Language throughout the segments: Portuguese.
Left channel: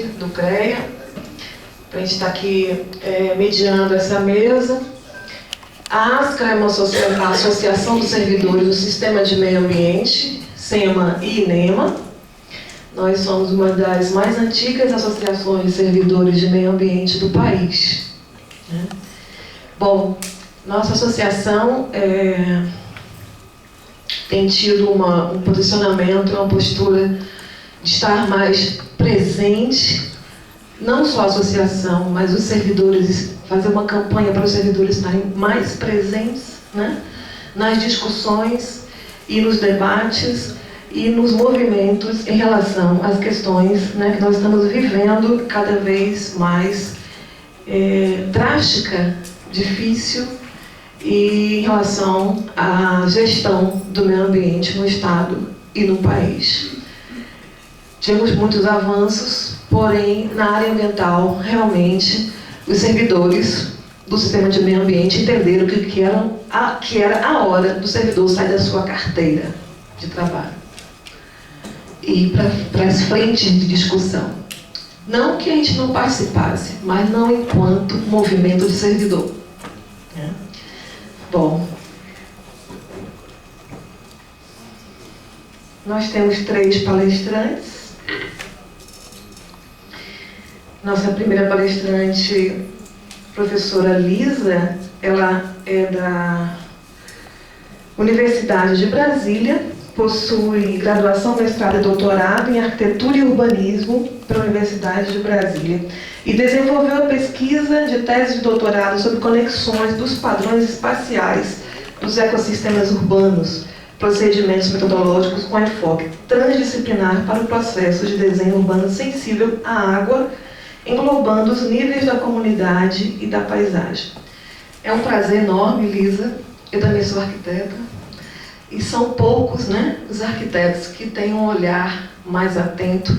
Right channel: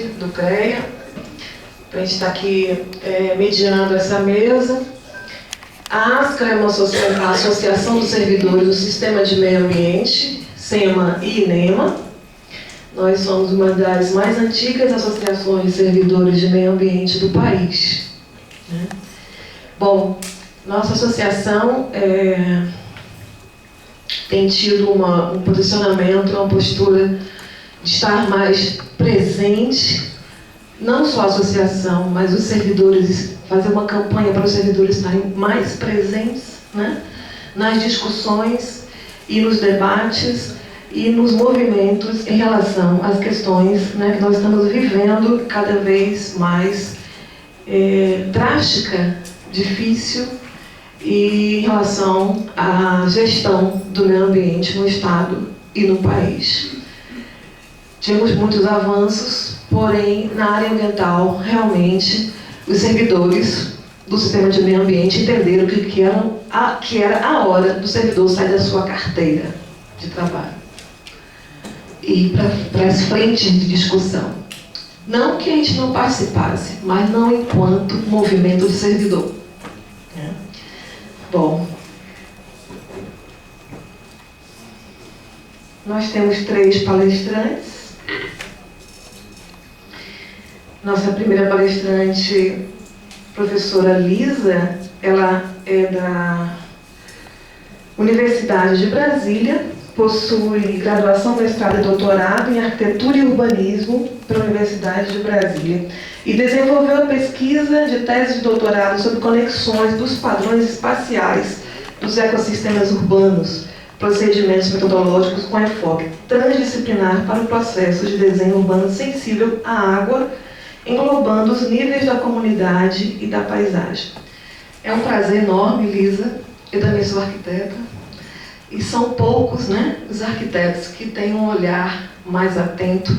do CREA, para a gente estar aqui mediando essa mesa. A ASCA é a Associação dos Servidores do Sistema de Meio Ambiente, SEMA e INEMA. Nós somos uma das mais antigas associações de servidores de meio ambiente do país. Bom, nossa associação tem tido um posicionamento, uma postura de estar mais presente, não só a associação, mas os servidores, fazer uma campanha para os servidores estarem mais presentes, nas discussões e nos debates e nos movimentos em relação às questões que nós estamos vivendo cada vez mais drástica, difícil, e em relação à gestão do meio ambiente no Estado e no país. Tivemos muitos avanços, porém, na área ambiental, realmente, os servidores do sistema de meio ambiente entenderam que era a hora do servidor sair da sua carteira de trabalho e para as frentes de discussão. Não que a gente não participasse, mas não enquanto movimento de servidor. Bom, nós temos 3 palestrantes. Nossa primeira palestrante, professora Lisa, ela é da Universidade de Brasília, possui graduação, mestrado e doutorado em Arquitetura e Urbanismo pela Universidade de Brasília e desenvolveu a pesquisa de tese de doutorado sobre conexões dos padrões espaciais dos ecossistemas urbanos, procedimentos metodológicos com enfoque transdisciplinar para o processo de desenho urbano sensível à água, englobando os níveis da comunidade e da paisagem. É um prazer enorme, Lisa. Eu também sou arquiteta. E são poucos, os arquitetos que têm um olhar mais atento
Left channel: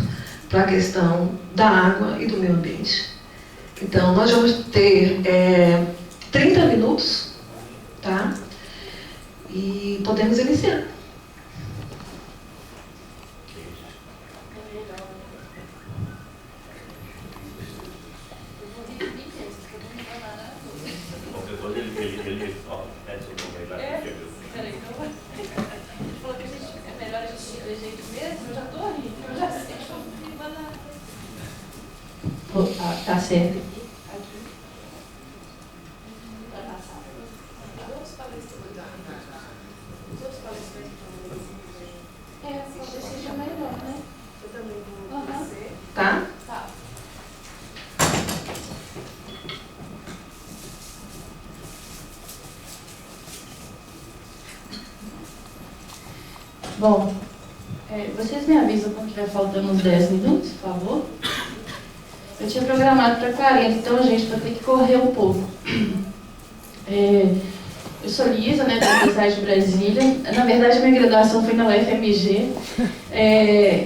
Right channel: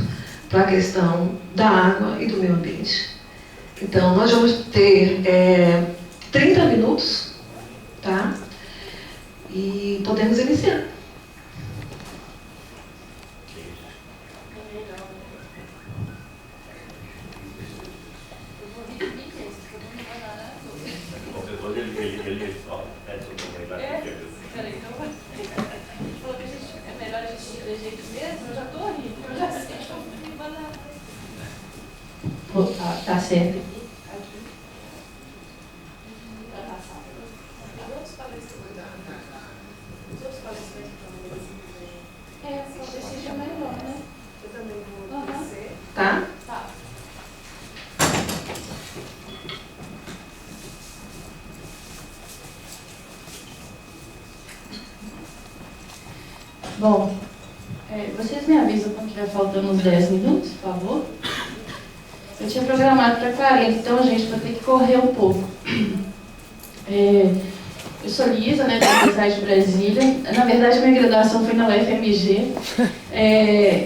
para a questão da água e do meio ambiente. Então, nós vamos ter 30 minutos, tá? E podemos iniciar. Tá certo. Talvez seja melhor, né? Eu também vou descer. Tá? Tá. Bom, vocês me avisam quando estiver faltando uns 10 minutos, por favor? Eu tinha programado para 40, então, gente, vou ter que correr um pouco. Eu sou Lisa, da Universidade de Brasília. Na verdade, minha graduação foi na UFMG.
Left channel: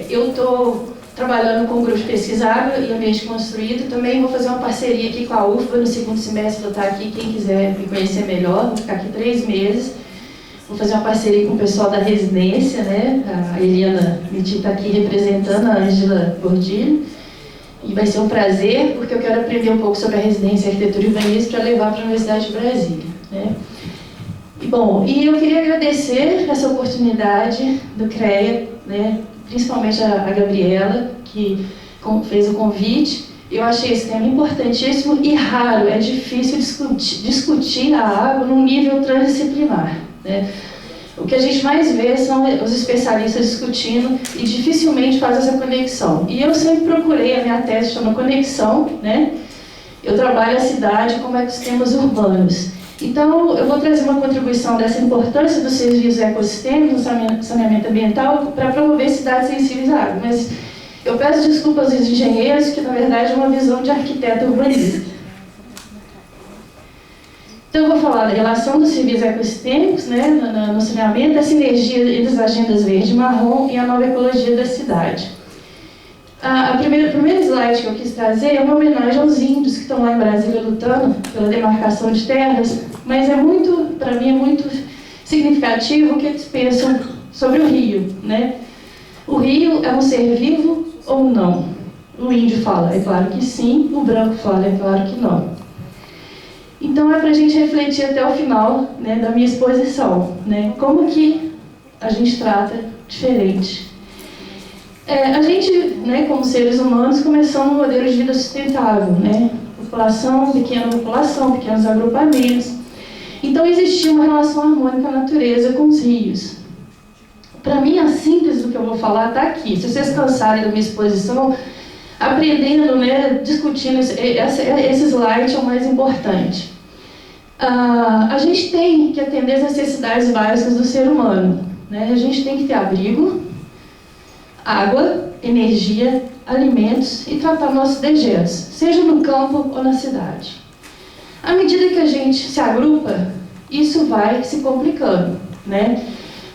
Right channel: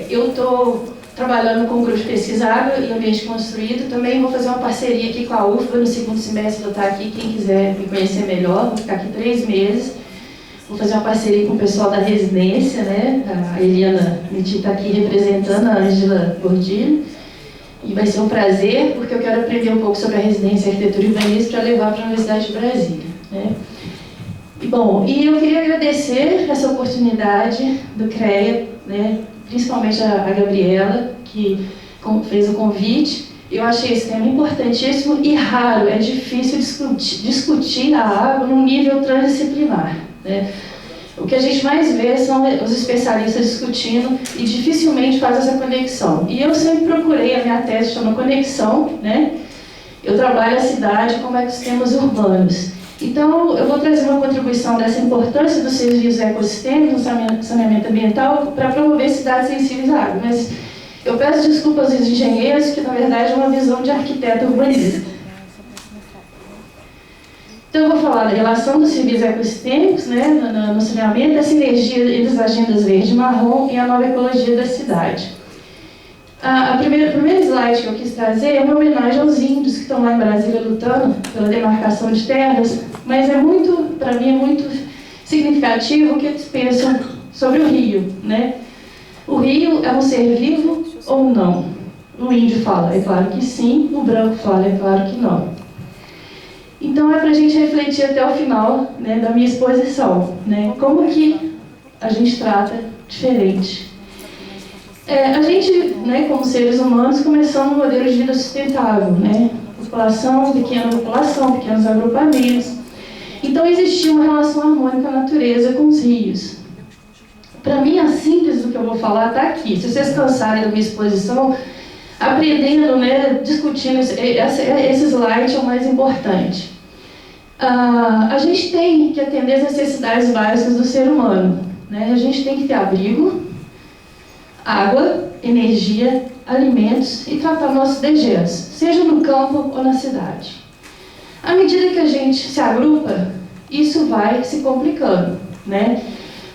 Eu estou trabalhando com o grupo de pesquisa Água e Ambiente Construído. Também vou fazer uma parceria aqui com a UFBA no segundo semestre. Vou estar aqui, quem quiser me conhecer melhor. Vou ficar aqui 3 meses. Vou fazer uma parceria com o pessoal da residência, A Eliana Miti está aqui representando, a Ângela Gordilho. E vai ser um prazer, porque eu quero aprender um pouco sobre a residência, arquitetura e urbanismo para levar para a Universidade de Brasília, E eu queria agradecer essa oportunidade do CREA, principalmente a Gabriela, que fez o convite. Eu achei esse tema importantíssimo e raro, é difícil discutir a água num nível transdisciplinar. O que a gente mais vê são os especialistas discutindo e dificilmente faz essa conexão. E eu sempre procurei, a minha tese chama Conexão, Eu trabalho a cidade como ecossistemas urbanos. Então, eu vou trazer uma contribuição dessa importância dos serviços ecossistêmicos no saneamento ambiental para promover cidades sensíveis à água. Mas eu peço desculpas aos engenheiros, que na verdade é uma visão de arquiteto urbanista. Então, eu vou falar da relação dos serviços ecossistêmicos no saneamento, da sinergia entre as agendas verde e marrom e a nova ecologia da cidade. O primeiro slide que eu quis trazer é uma homenagem aos índios que estão lá em Brasília lutando pela demarcação de terras, mas para mim é muito significativo o que eles pensam sobre o rio. O rio é um ser vivo ou não? O índio fala, é claro que sim, o branco fala, é claro que não. Então é para a gente refletir até o final, né, da minha exposição, né, como que a gente trata diferente. A gente, né, como seres humanos, começamos um modelo de vida sustentável, né, pequenos agrupamentos. Então existia uma relação harmônica à natureza com os rios. Para mim, a síntese do que eu vou falar está aqui. Se vocês cansarem da minha exposição, aprendendo, né, discutindo, esse slide é o mais importante. A gente tem que atender as necessidades básicas do ser humano, né? A gente tem que ter abrigo, água, energia, alimentos e tratar nossos dejetos, seja no campo ou na cidade. À medida que a gente se agrupa, isso vai se complicando, né?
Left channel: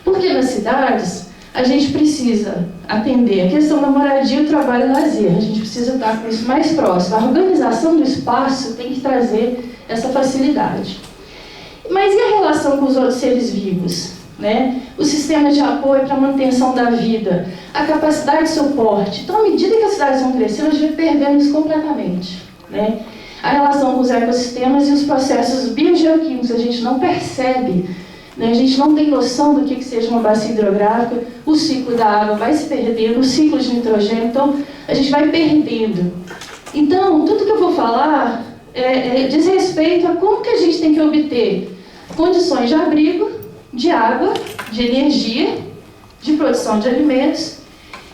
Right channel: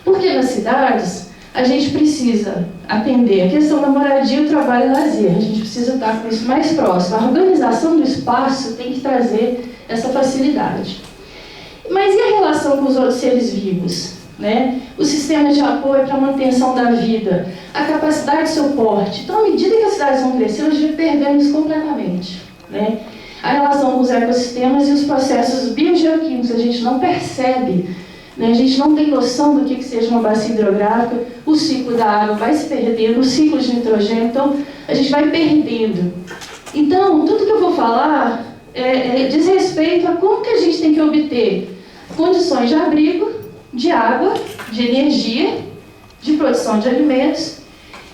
Porque nas cidades, a gente precisa atender a questão da moradia, o trabalho e o lazer. A gente precisa estar com isso mais próximo. A organização do espaço tem que trazer essa facilidade. Mas e a relação com os outros seres vivos, né? O sistema de apoio para a manutenção da vida, a capacidade de suporte. Então, à medida que as cidades vão crescendo, a gente vai perdendo isso completamente, né? A relação com os ecossistemas e os processos biogeoquímicos, a gente não percebe, né? A gente não tem noção do que seja uma bacia hidrográfica, o ciclo da água vai se perdendo, o ciclo de nitrogênio, então a gente vai perdendo. Então, tudo que eu vou falar diz respeito a como que a gente tem que obter condições de abrigo, de água, de energia, de produção de alimentos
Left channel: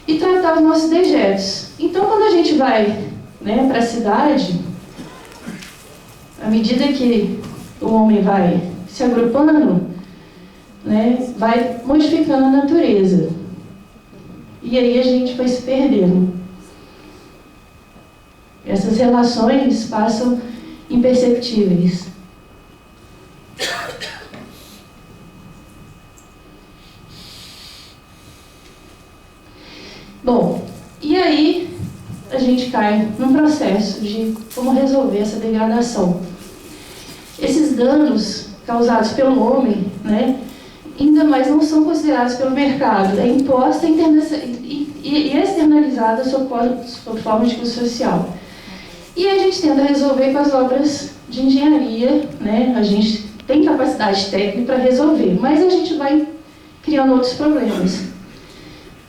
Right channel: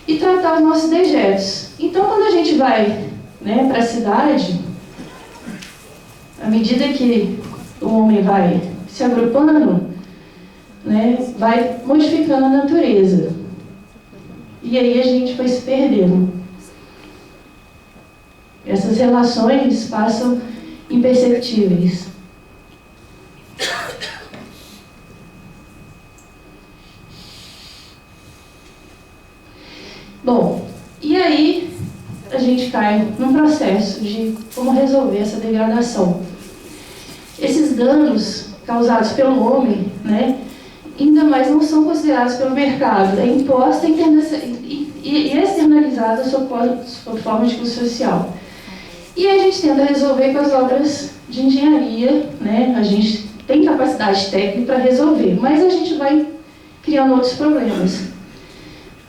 e tratar os nossos dejetos. Então, quando a gente vai, né, para a cidade, à medida que o homem vai se agrupando, né, vai modificando a natureza. E aí a gente vai se perdendo. Essas relações passam imperceptíveis. Bom, e aí a gente cai num processo de como resolver essa degradação. Esses danos causados pelo homem, né, ainda mais não são considerados pelo mercado, é imposta e externalizada sob forma de custo social. E a gente tenta resolver com as obras de engenharia, né, a gente tem capacidade técnica para resolver, mas a gente vai criando outros problemas.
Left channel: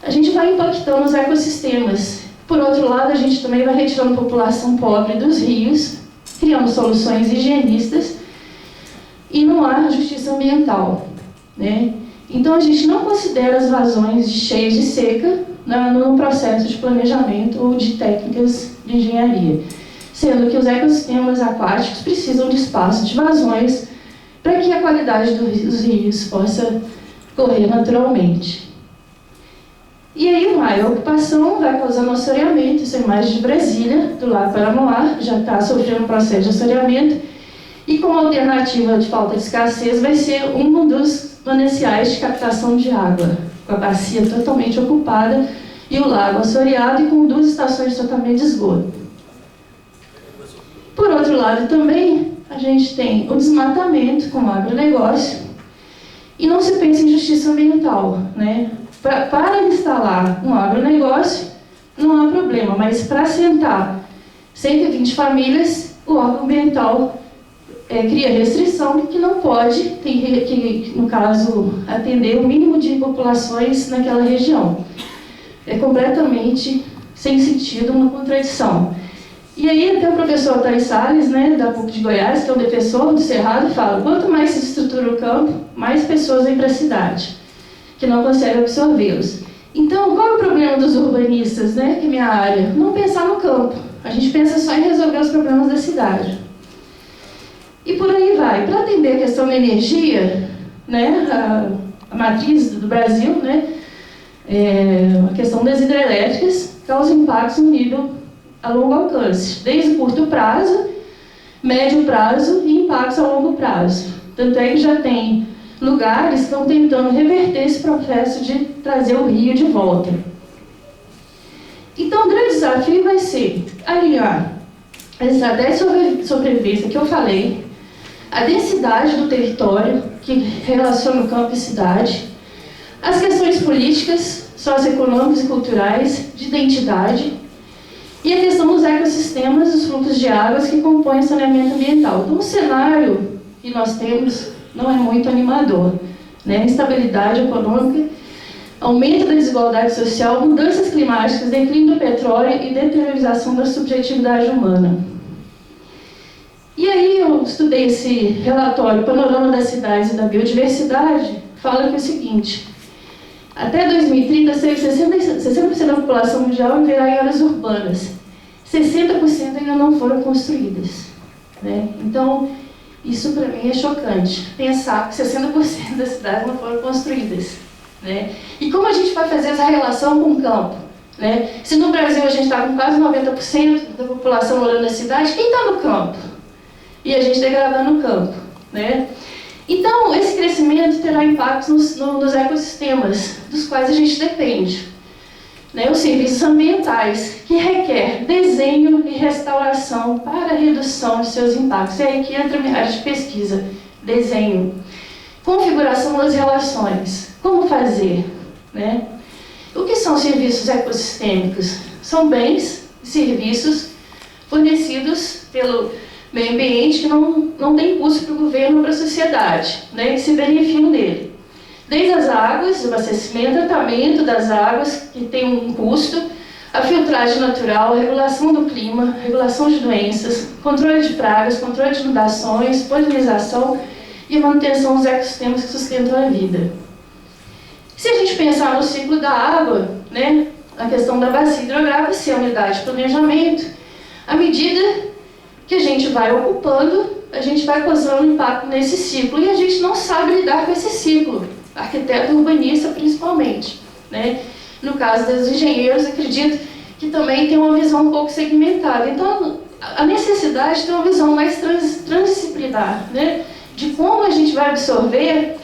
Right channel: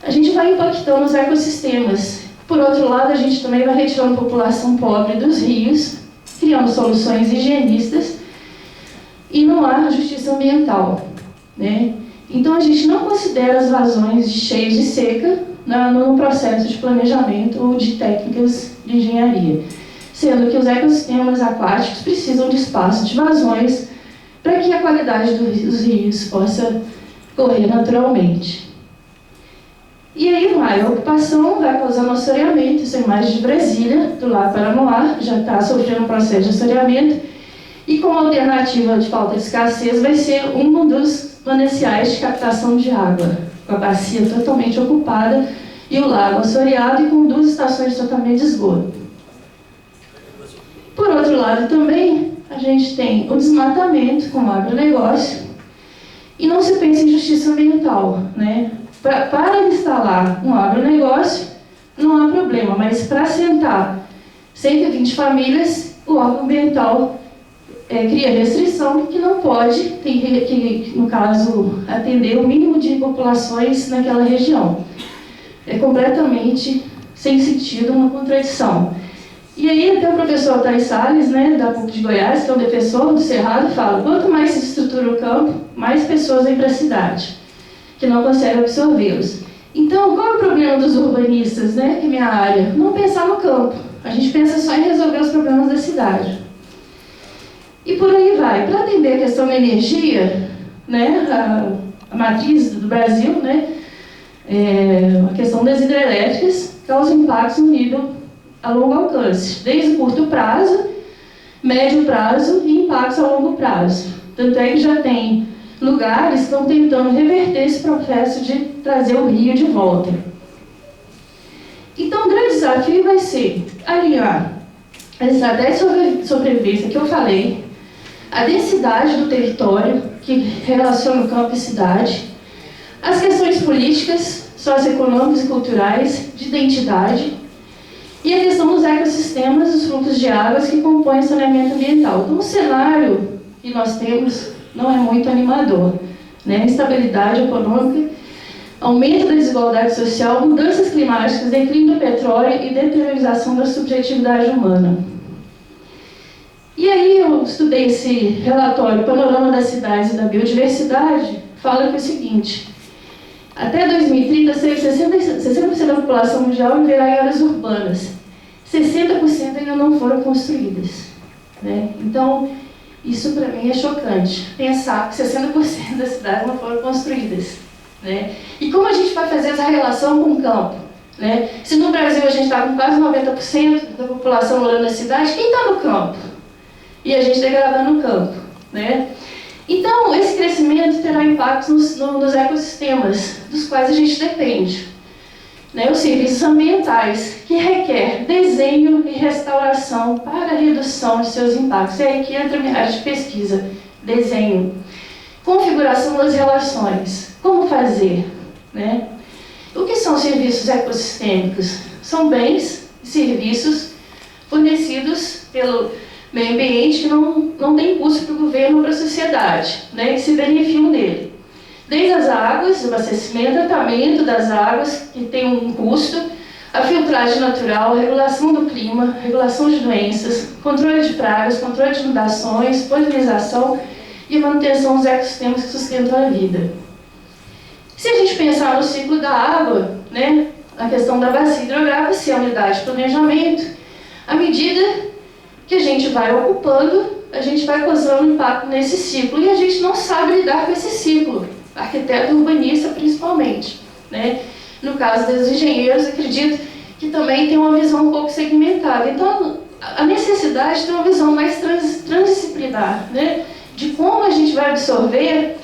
A gente vai impactando os ecossistemas. Por outro lado, a gente também vai retirando a população pobre dos rios, criando soluções higienistas, e não há justiça ambiental, né? Então, a gente não considera as vazões cheias de seca no processo de planejamento ou de técnicas de engenharia, sendo que os ecossistemas aquáticos precisam de espaço de vazões para que a qualidade dos rios possa correr naturalmente. E aí vai, a ocupação vai causando assoreamento, isso é imagem de Brasília, do Lago Paranoá, já está sofrendo um processo de assoreamento, e como alternativa de falta de escassez vai ser um dos mananciais de captação de água, com a bacia totalmente ocupada e o lago assoreado e com 2 estações de tratamento de esgoto. Por outro lado também, a gente tem o desmatamento com o agronegócio e não se pensa em justiça ambiental, né? Para instalar um agronegócio, não há problema, mas para assentar 120 famílias, o órgão ambiental cria restrição que não pode, tem que, no caso, atender o mínimo de populações naquela região. É completamente sem sentido, uma contradição. E aí até o professor Altair Salles, né, da PUC de Goiás, que é um defensor do Cerrado, fala: quanto mais se estrutura o campo, mais pessoas vêm para a cidade, que não conseguem absorvê-los. Então, qual é o problema dos urbanistas, né, que é minha área? Não pensar no campo. A gente pensa só em resolver os problemas da cidade. E por aí vai. Para atender a questão da energia, né, a matriz do Brasil, né, a questão das hidrelétricas causa impactos no nível a longo alcance, desde o curto prazo, médio prazo e impactos a longo prazo. Tanto é que já tem lugares que estão tentando reverter esse processo de trazer o rio de volta. Então, o grande desafio vai ser alinhar a estratégia de sobrevivência que eu falei, a densidade do território, que relaciona o campo e cidade, as questões políticas, socioeconômicas e culturais, de identidade, E a questão dos ecossistemas, os fluxos de águas que compõem o saneamento ambiental. Então, o cenário que nós temos não é muito animador, né? Instabilidade econômica, aumento da desigualdade social, mudanças climáticas, declínio do petróleo e deteriorização da subjetividade humana. E aí eu estudei esse relatório, Panorama das Cidades e da Biodiversidade, fala que é o seguinte: até 2030, 60% da população mundial viverá em áreas urbanas. 60% ainda não foram construídas, né? Então, isso para mim é chocante, pensar que 60% das cidades não foram construídas, né? E como a gente vai fazer essa relação com o campo, né? Se no Brasil a gente está com quase 90% da população morando na cidade, quem está no campo? E a gente degradando o campo, né? Então, esse crescimento terá impactos nos ecossistemas, dos quais a gente depende, né? Os serviços ambientais, que requer desenho e restauração para a redução de seus impactos. É aí que entra a minha área de pesquisa, desenho. Configuração das relações, como fazer, né? O que são serviços ecossistêmicos? São bens e serviços fornecidos pelo meio ambiente que não tem custo para o governo ou para a sociedade, né, que se beneficiam dele. Desde as águas, o abastecimento, tratamento das águas, que tem um custo, a filtragem natural, a regulação do clima, regulação de doenças, controle de pragas, controle de inundações, polinização e a manutenção dos ecossistemas que sustentam a vida. Se a gente pensar no ciclo da água, né, a questão da bacia hidrográfica, se é unidade de planejamento, à medida que a gente vai ocupando, a gente vai causando impacto nesse ciclo e a gente não sabe lidar com esse ciclo, arquiteto e urbanista principalmente, né? No caso dos engenheiros, acredito que também tem uma visão um pouco segmentada. Então, a necessidade de ter uma visão mais transdisciplinar, né? De como a gente vai absorver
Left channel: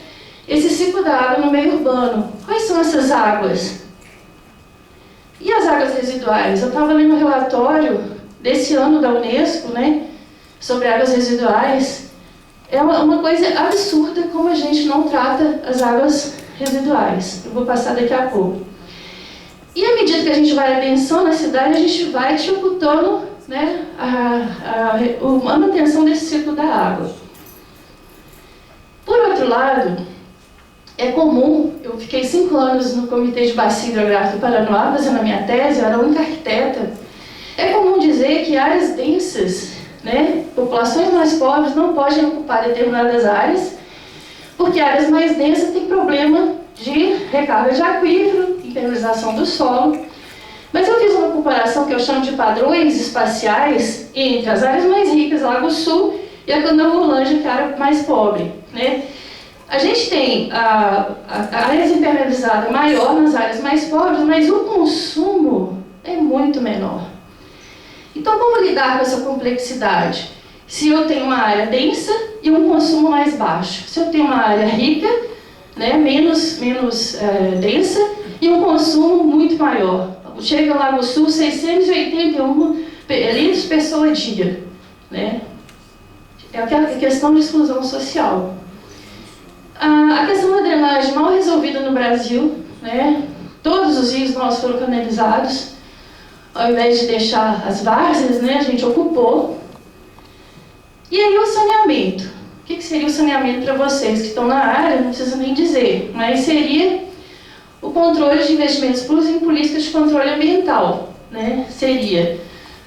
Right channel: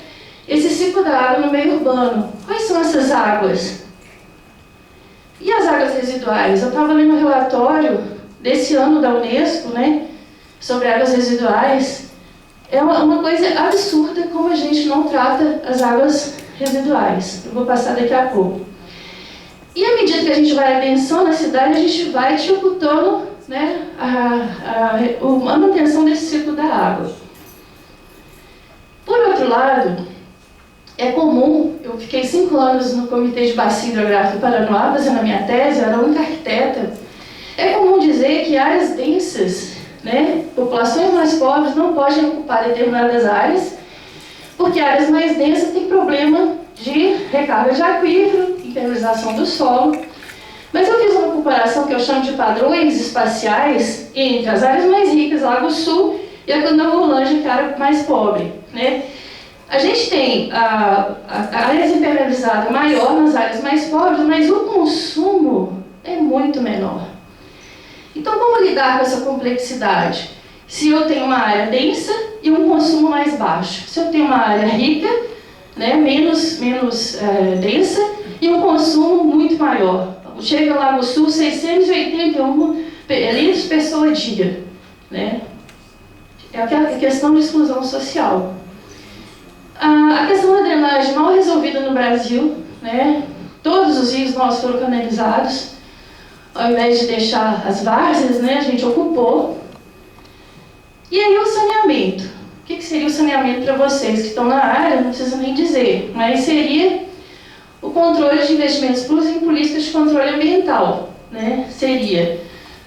esse ciclo da água no meio urbano. Quais são essas águas? E as águas residuais? Eu estava lendo um relatório desse ano da Unesco, né, sobre águas residuais. É uma coisa absurda como a gente não trata as águas residuais. Eu vou passar daqui a pouco. E à medida que a gente vai adensando a cidade, a gente vai dificultando, né, a manutenção desse ciclo da água. Por outro lado, é comum, eu fiquei 5 anos no Comitê de Bacia Hidrográfica do Paranoá, fazendo a minha tese, eu era a única arquiteta. É comum dizer que áreas densas, né, populações mais pobres não podem ocupar determinadas áreas, porque áreas mais densas têm problema de recarga de aquífero, impermeabilização do solo. Mas eu fiz uma comparação que eu chamo de padrões espaciais entre as áreas mais ricas, Lago Sul, e a Candangolândia, que é a área mais pobre, né? A gente tem a área impermeabilizada maior nas áreas mais pobres, mas o consumo é muito menor. Então, como lidar com essa complexidade? Se eu tenho uma área densa e um consumo mais baixo. Se eu tenho uma área rica, né, menos densa e um consumo muito maior. Chega lá no Sul, 681 litros por pessoa dia, né? É aquela questão de exclusão social. A questão da drenagem mal resolvida no Brasil, né? Todos os rios nossos foram canalizados. Ao invés de deixar as várzeas, né, a gente ocupou. E aí o saneamento. O que seria o saneamento para vocês que estão na área? Não precisa nem dizer. Mas seria o controle de investimentos públicos em políticas de controle ambiental, né? Seria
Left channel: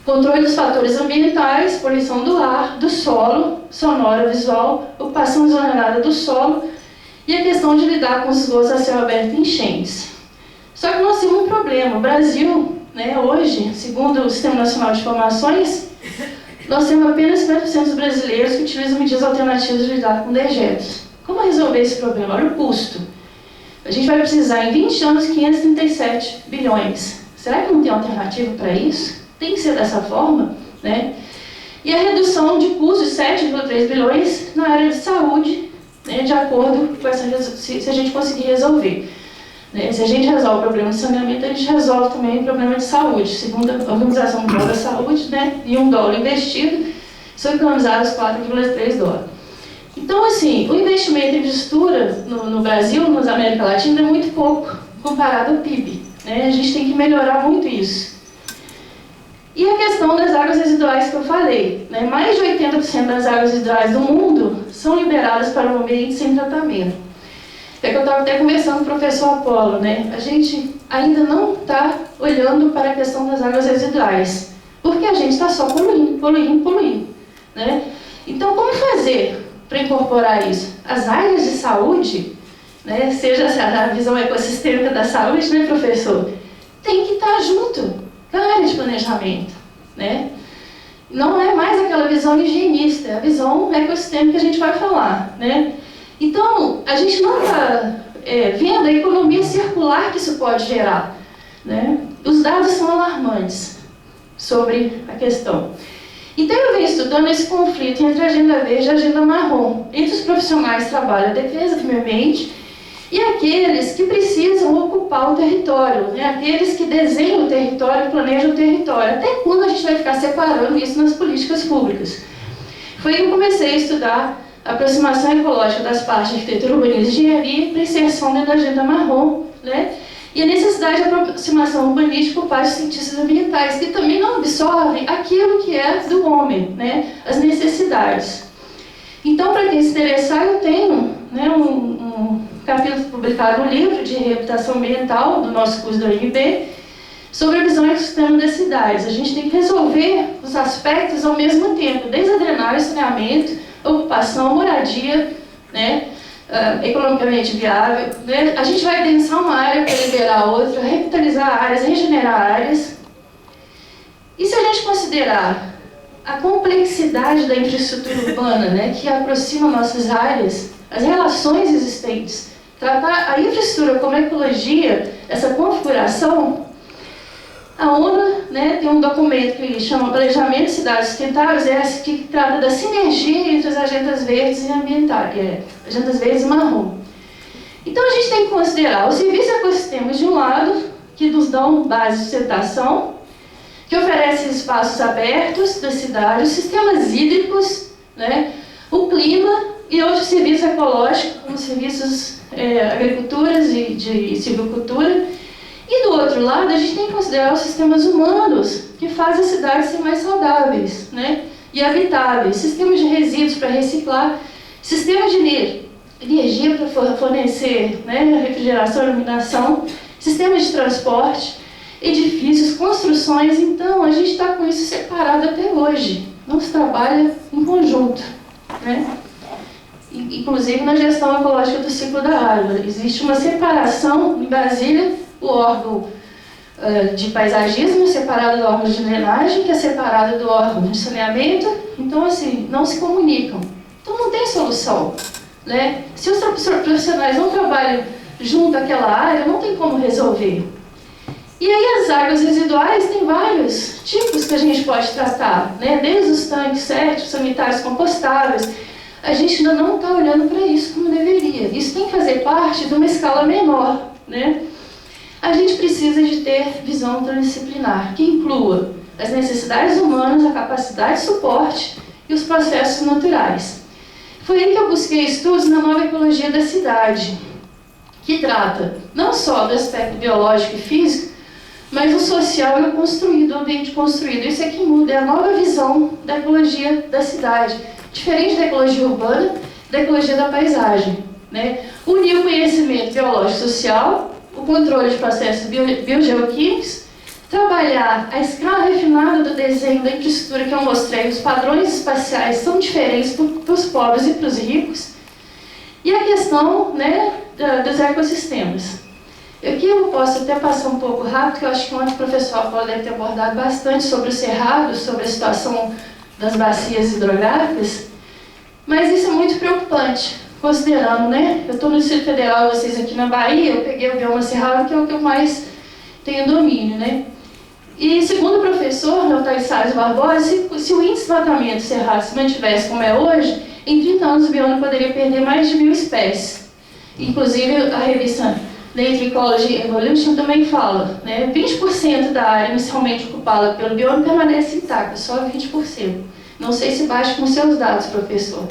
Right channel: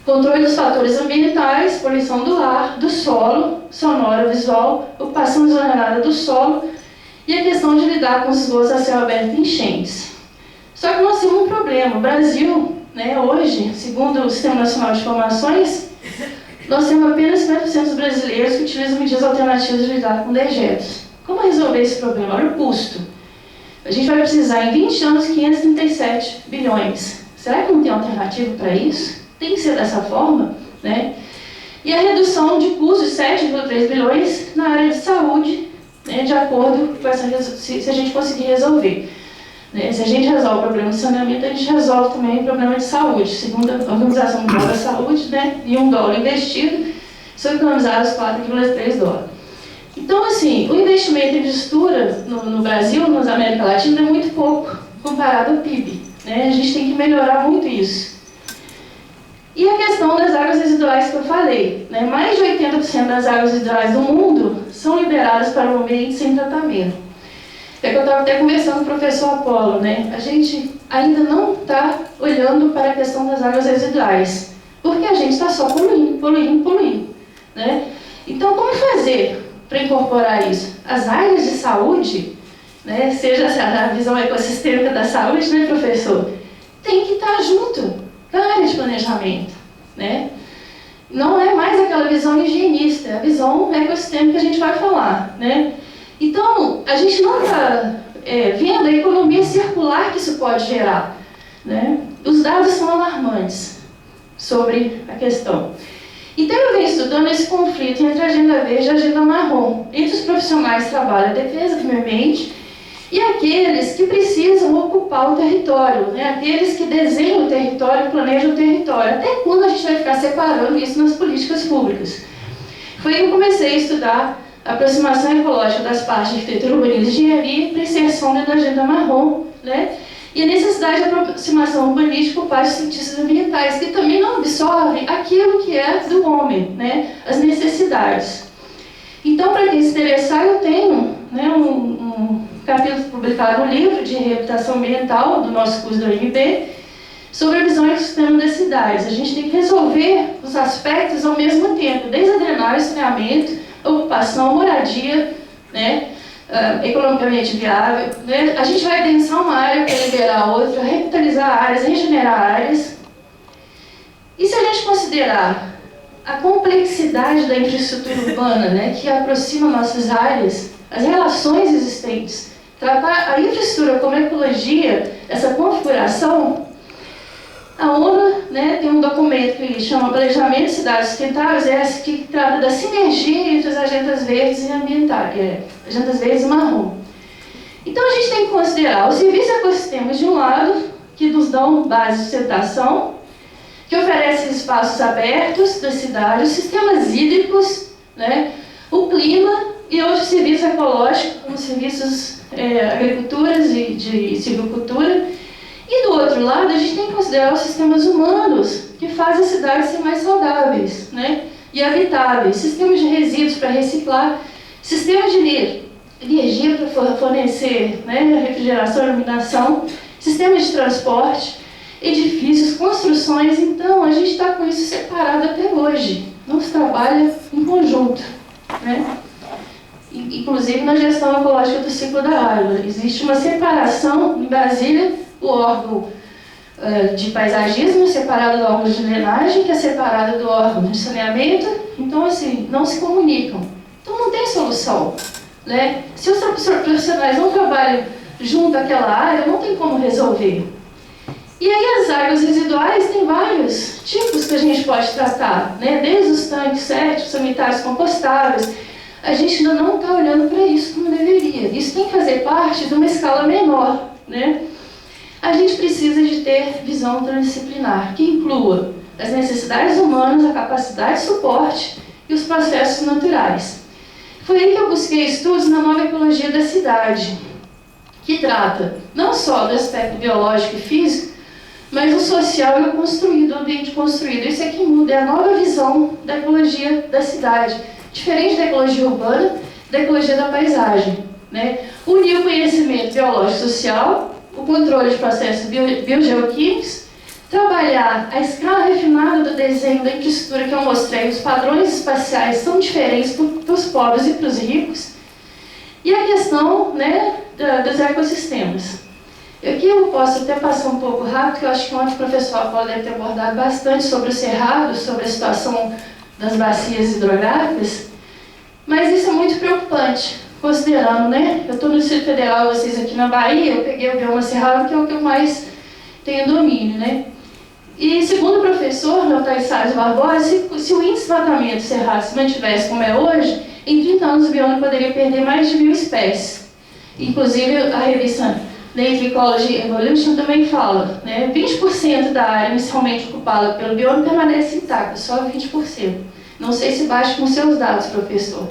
controle dos fatores ambientais, poluição do ar, do solo, sonora, visual, ocupação desordenada do solo e a questão de lidar com os esgotos a céu aberto e enchentes. Só que nós temos um problema. O Brasil, né, hoje, segundo o Sistema Nacional de Informações, nós temos apenas 50% dos brasileiros que utilizam medidas alternativas de lidar com dejetos. Como resolver esse problema? Olha o custo. A gente vai precisar, em 20 anos, 537 bilhões. Será que não tem alternativa para isso? Tem que ser dessa forma, né? E a redução de custos de 7,3 bilhões na área de saúde, né, de acordo com se a gente conseguir resolver. Né? Se a gente resolve o problema de saneamento, a gente resolve também o problema de saúde. Segundo a Organização Mundial da Saúde, né, e $1 investido, são economizados 4,3 dólares. Então, assim, o investimento em infraestrutura no Brasil, na América Latina, é muito pouco comparado ao PIB. Né? A gente tem que melhorar muito isso. E a questão das águas residuais que eu falei, né? Mais de 80% das águas residuais do mundo são liberadas para o ambiente sem tratamento. É que eu estava até conversando com o professor Apolo, né? A gente ainda não está olhando para a questão das águas residuais, porque a gente está só poluindo, né? Então, como fazer para incorporar isso? As áreas de saúde, né? Seja a visão ecossistêmica da saúde, né, professor? Tem que estar junto da área de planejamento, né? Não é mais aquela visão higienista, é a visão ecossistêmica que a gente vai falar, né? Então, a gente não está vendo a economia circular que isso pode gerar, né? Os dados são alarmantes sobre a questão. Então, eu venho estudando esse conflito entre a agenda verde e a agenda marrom, entre os profissionais que trabalham a defesa do meio ambiente e aqueles que precisam ocupar o território, né? Aqueles que desenham o território, planejam o território. Até quando a gente vai ficar separando isso nas políticas públicas? Foi aí que eu comecei a estudar a aproximação ecológica das partes de arquitetura, urbanismo e engenharia para inserção dentro da agenda marrom, né? E a necessidade de aproximação urbanística por parte dos cientistas ambientais, que também não absorvem aquilo que é do homem, né? As necessidades. Então, para quem se interessar, eu tenho, né, um capítulo publicado no livro de reabilitação ambiental do nosso curso da UNB, sobre a visão ecossistema das cidades. A gente tem que resolver os aspectos ao mesmo tempo, desde a drenagem, saneamento, ocupação, moradia, né, economicamente viável, né? A gente vai densar uma área para liberar outra, revitalizar áreas, regenerar áreas. E se a gente considerar a complexidade da infraestrutura urbana, né, que aproxima nossas áreas, as relações existentes, tratar a infraestrutura como ecologia, essa configuração, a ONU, né, tem um documento que chama Planejamento de Cidades Sustentáveis, que trata da sinergia entre as agendas verdes e ambientais, agendas verdes e marrom. Então a gente tem que considerar os serviços ecossistêmicos de um lado, que nos dão base de sustentação, que oferecem espaços abertos das cidades, sistemas hídricos, né, o clima e outros serviços ecológicos, como serviços agriculturas e de silvicultura. E do outro lado, a gente tem que considerar os sistemas humanos, que fazem as cidades ser mais saudáveis, né, e habitáveis, sistemas de resíduos para reciclar, sistemas de energia para fornecer, né, refrigeração e iluminação, sistemas de transporte, edifícios, construções. Então, a gente está com isso separado até hoje, não se trabalha em conjunto, né? Inclusive na gestão ecológica do ciclo da água. Existe uma separação em Brasília, o órgão de paisagismo separado do órgão de drenagem, que é separado do órgão de saneamento. Então, assim, não se comunicam. Então, não tem solução, né? Se os profissionais não trabalham junto àquela área, não tem como resolver. E aí as águas residuais tem vários tipos que a gente pode tratar, né? Desde os tanques sépticos, sanitários compostáveis. A gente ainda não está olhando para isso como deveria. Isso tem que fazer parte de uma escala menor, né? A gente precisa de ter visão transdisciplinar, que inclua as necessidades humanas, a capacidade de suporte e os processos naturais. Foi aí que eu busquei estudos na nova ecologia da cidade, que trata não só do aspecto biológico e físico, mas o social e o construído, o ambiente construído. Isso é que muda, é a nova visão da ecologia da cidade, diferente da ecologia urbana, da ecologia da paisagem, né? Unir o conhecimento biológico e social, o controle de processos biogeoquímicos, trabalhar a escala refinada do desenho da infraestrutura que eu mostrei, os padrões espaciais são diferentes para os pobres e para os ricos, e a questão, né, dos ecossistemas. Aqui eu posso até passar um pouco rápido, porque eu acho que ontem o professor Apolo deve ter abordado bastante sobre o cerrado, sobre a situação das bacias hidrográficas, mas isso é muito preocupante, considerando, né? Eu estou no Distrito Federal, vocês aqui na Bahia, eu peguei o bioma cerrado, que é o que eu mais tenho domínio, né? E segundo o professor Altair Salles Barbosa, se o índice de desmatamento cerrado se mantivesse como é hoje, em 30 anos o bioma poderia perder mais de 1000 espécies. Inclusive a revista Nature Ecology Evolution também fala, né? 20% da área inicialmente ocupada pelo bioma permanece intacta, só 20%. Não sei se bate com seus dados, professor.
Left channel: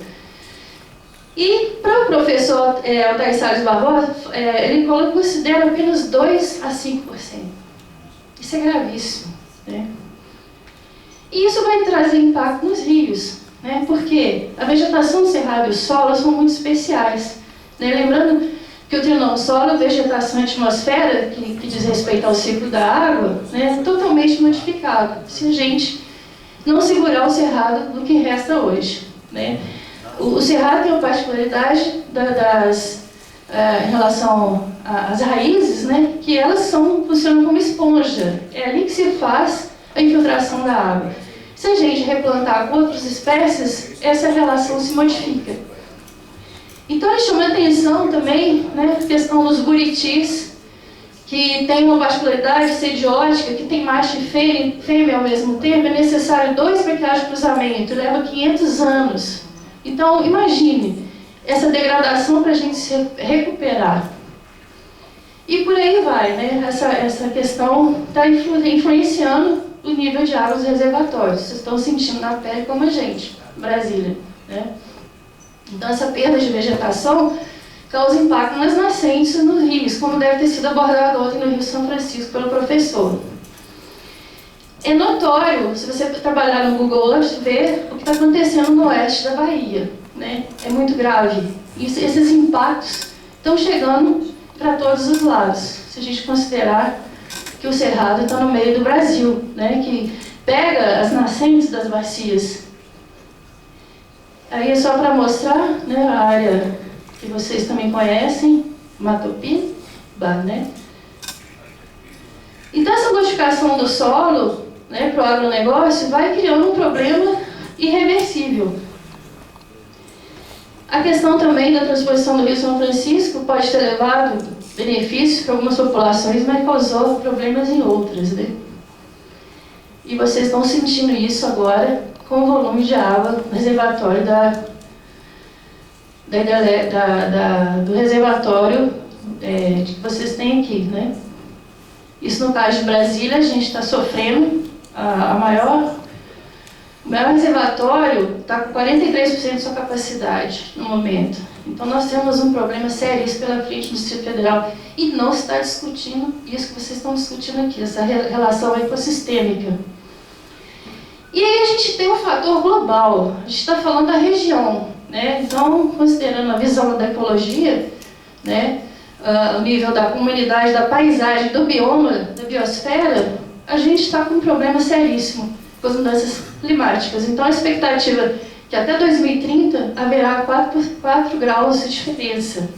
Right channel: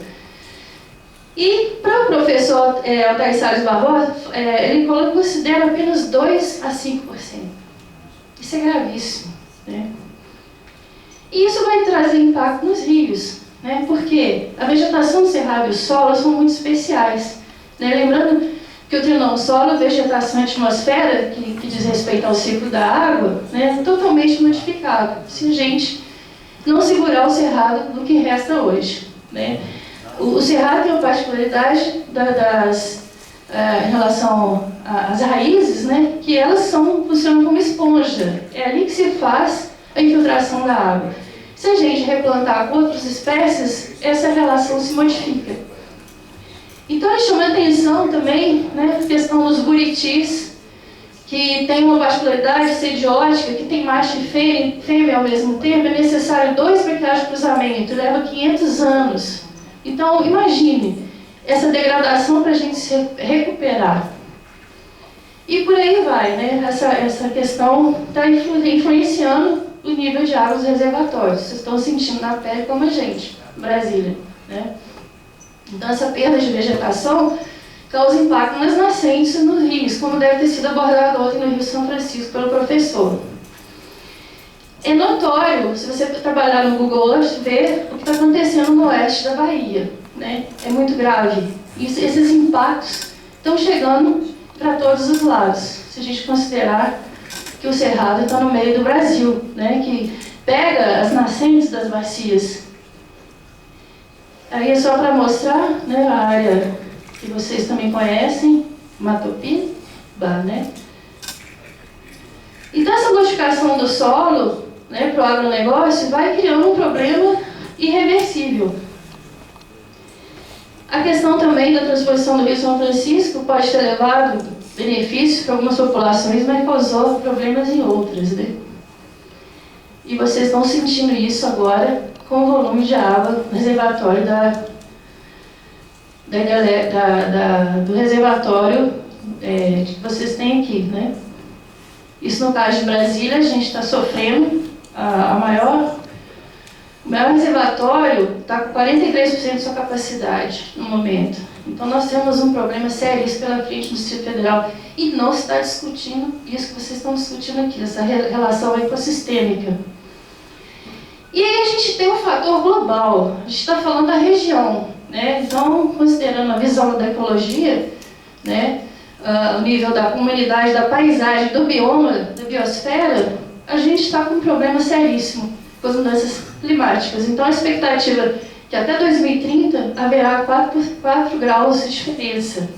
E para o professor Altair Salles Barbosa, ele considera apenas 2 a 5%. Isso é gravíssimo, né? E isso vai trazer impacto nos rios, né? Porque a vegetação do cerrado e o solo são muito especiais, né? Lembrando que o trinoma solo, vegetação e atmosfera, que diz respeito ao ciclo da água, né, é totalmente modificado se a gente não segurar o cerrado do que resta hoje, né? O cerrado tem uma particularidade em relação às raízes, né, que elas funcionam como esponja. É ali que se faz a infiltração da água. Se a gente replantar com outras espécies, essa relação se modifica. Então, ele chama a atenção também, né, a questão dos buritis, que tem uma particularidade sediótica, que tem macho e fêmea ao mesmo tempo. É necessário 2 para que haja cruzamento, leva 500 anos. Então, imagine essa degradação para a gente se recuperar. E por aí vai, né? Essa questão está influenciando o nível de água dos reservatórios. Vocês estão sentindo na pele como a gente, Brasília, né? Então, essa perda de vegetação causa impacto nas nascentes e nos rios, como deve ter sido abordado ontem no Rio São Francisco pelo professor. É notório, se você trabalhar no Google Earth, ver o que está acontecendo no oeste da Bahia, né? É muito grave. Esses impactos estão chegando para todos os lados, se a gente considerar que o Cerrado está no meio do Brasil, né? Que pega as nascentes das bacias. Aí é só para mostrar, né, a área que vocês também conhecem, Matopiba, né? Então, essa modificação do solo, né, para o agronegócio vai criando um problema irreversível. A questão também da transposição do Rio São Francisco pode ter levado benefícios para algumas populações, mas causou problemas em outras, né? E vocês estão sentindo isso agora com o volume de água no reservatório do reservatório que vocês têm aqui, né? Isso no caso de Brasília, a gente está sofrendo o maior reservatório está com 43% de sua capacidade no momento. Então nós temos um problema sério pela frente do Distrito Federal e não se está discutindo isso que vocês estão discutindo aqui, essa relação ecossistêmica. E aí a gente tem um fator global, a gente está falando da região, né? Então, considerando a visão da ecologia, né, o nível da comunidade, da paisagem, do bioma, da biosfera, a gente está com um problema seríssimo com as mudanças climáticas. Então, a expectativa é que até 2030 haverá 4 graus de diferença.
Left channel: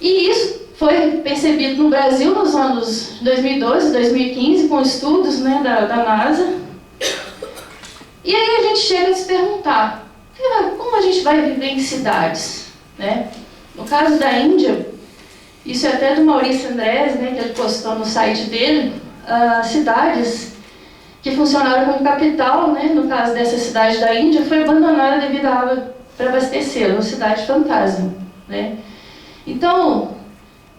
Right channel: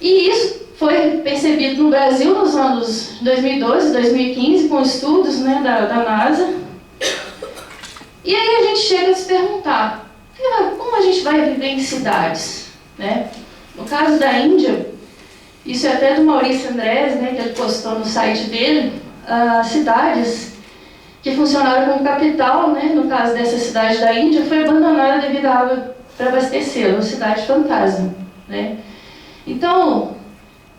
E isso foi percebido no Brasil nos anos 2012, 2015, com estudos, né, da NASA. E aí a gente chega a se perguntar, como a gente vai viver em cidades, né? No caso da Índia, isso é até do Maurício Andrés, né, que ele postou no site dele, cidades que funcionaram como capital, né, no caso dessa cidade da Índia, foi abandonada devido à água para abastecê-la, uma cidade fantasma, né? Então,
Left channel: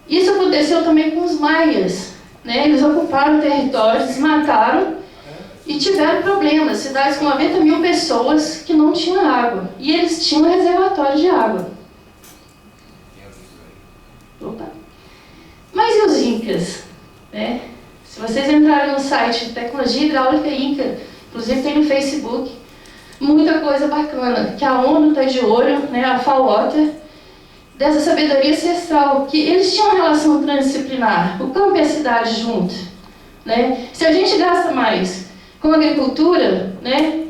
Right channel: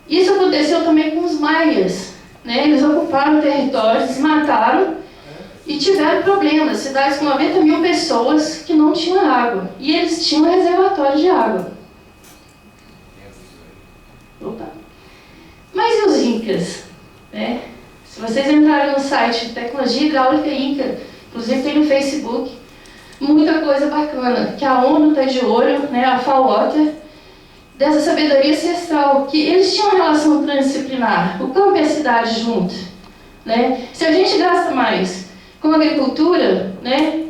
isso aconteceu também com os maias, né? Eles ocuparam territórios, desmataram e tiveram problemas, cidades com 90 mil pessoas que não tinham água, e eles tinham um reservatório de água. Opa. Mas e os incas, né? Se vocês entrarem no site Tecnologia Hidráulica Inca, inclusive tem no Facebook, muita coisa bacana, que a ONU está de olho, né, a FAO, dessa sabedoria ancestral, que eles tinham uma relação transdisciplinar, o campo e a cidade junto, né? Se a gente gasta mais com a agricultura, né,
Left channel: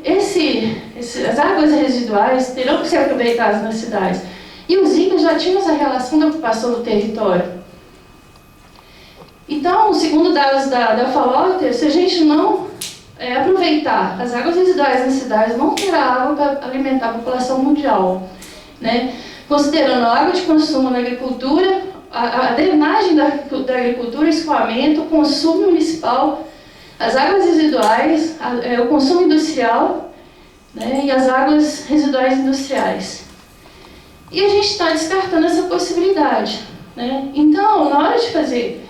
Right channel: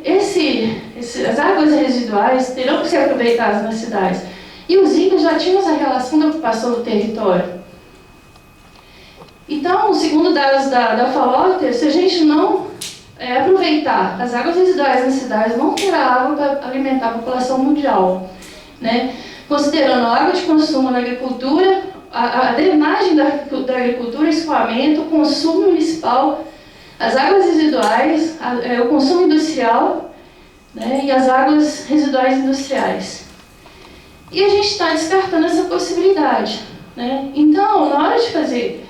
as águas residuais terão que ser aproveitadas nas cidades. E os incas já tinham essa relação da ocupação do território. Então, segundo dados da FAO, se a gente não aproveitar as águas residuais nas cidades, não terá água para alimentar a população mundial, né? Considerando a água de consumo na agricultura, a drenagem da agricultura, escoamento, o consumo municipal, as águas residuais, o consumo industrial, né, e as águas residuais industriais. E a gente está descartando essa possibilidade, né? Então, na hora de fazer